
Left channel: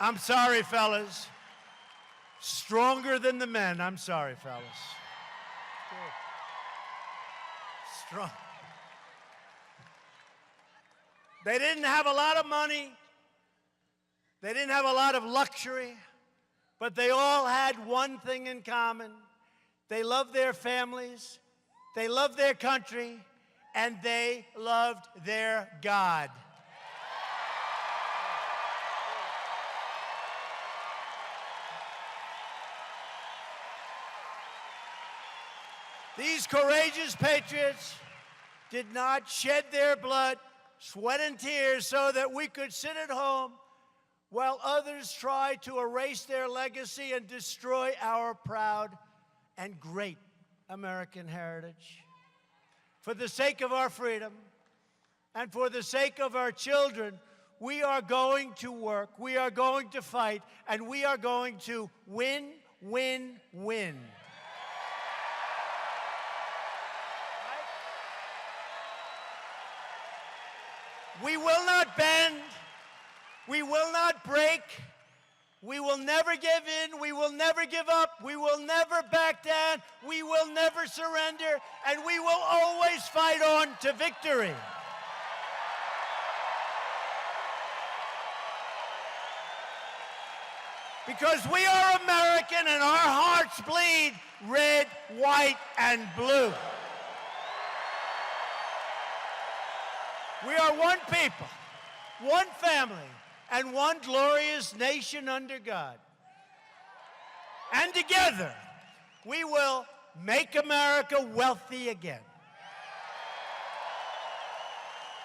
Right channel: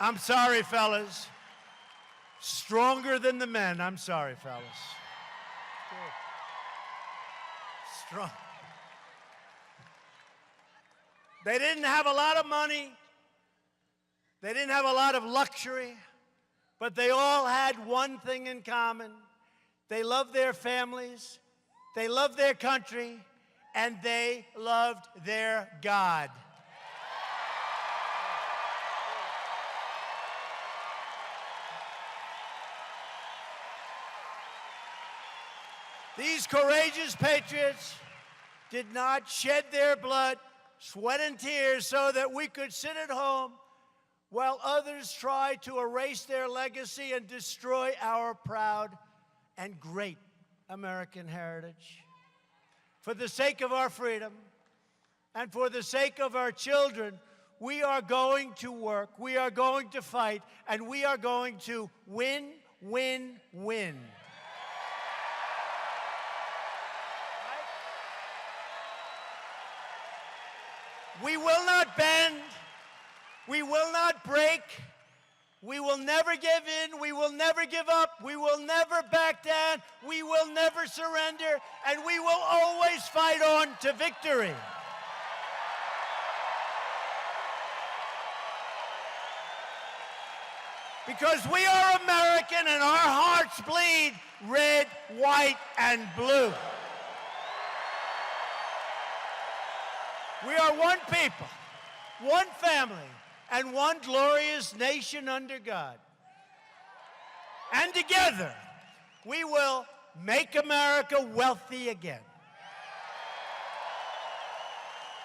I'm sorry, fellas. Stronger than the men. I'm sorry, fellas. Strong. They didn't have a lot of money. They didn't have a lot of luxury, but they all had one thing in common. They loved their families, they loved their country, and they loved their God. These courageous patriots did not shed their blood, sweat, and tears so that we could sit at home while others try to erase their legacy and destroy our proud and great American heritage. For the sake of our freedom and for the sake of our children, we are going to work, we are going to fight, and we are going to win, win, win. We will not bend. We will not break. We will never give in. We will never give up. We will never back down. We will never surrender. And we will always fight on to victory. Because we are American and our hearts bleed red, white, and blue. We are one people, one family, and one glorious nation under God. And together, we will make America wealthy again.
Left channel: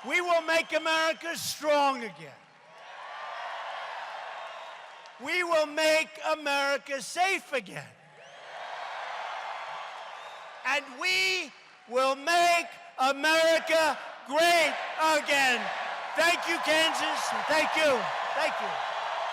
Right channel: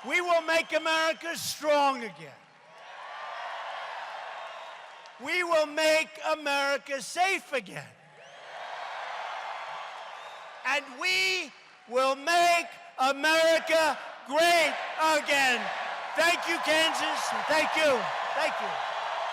We will make America strong again. We will make America safe again. And we will make America great again. Thank you, Kansas. Thank you. Thank you.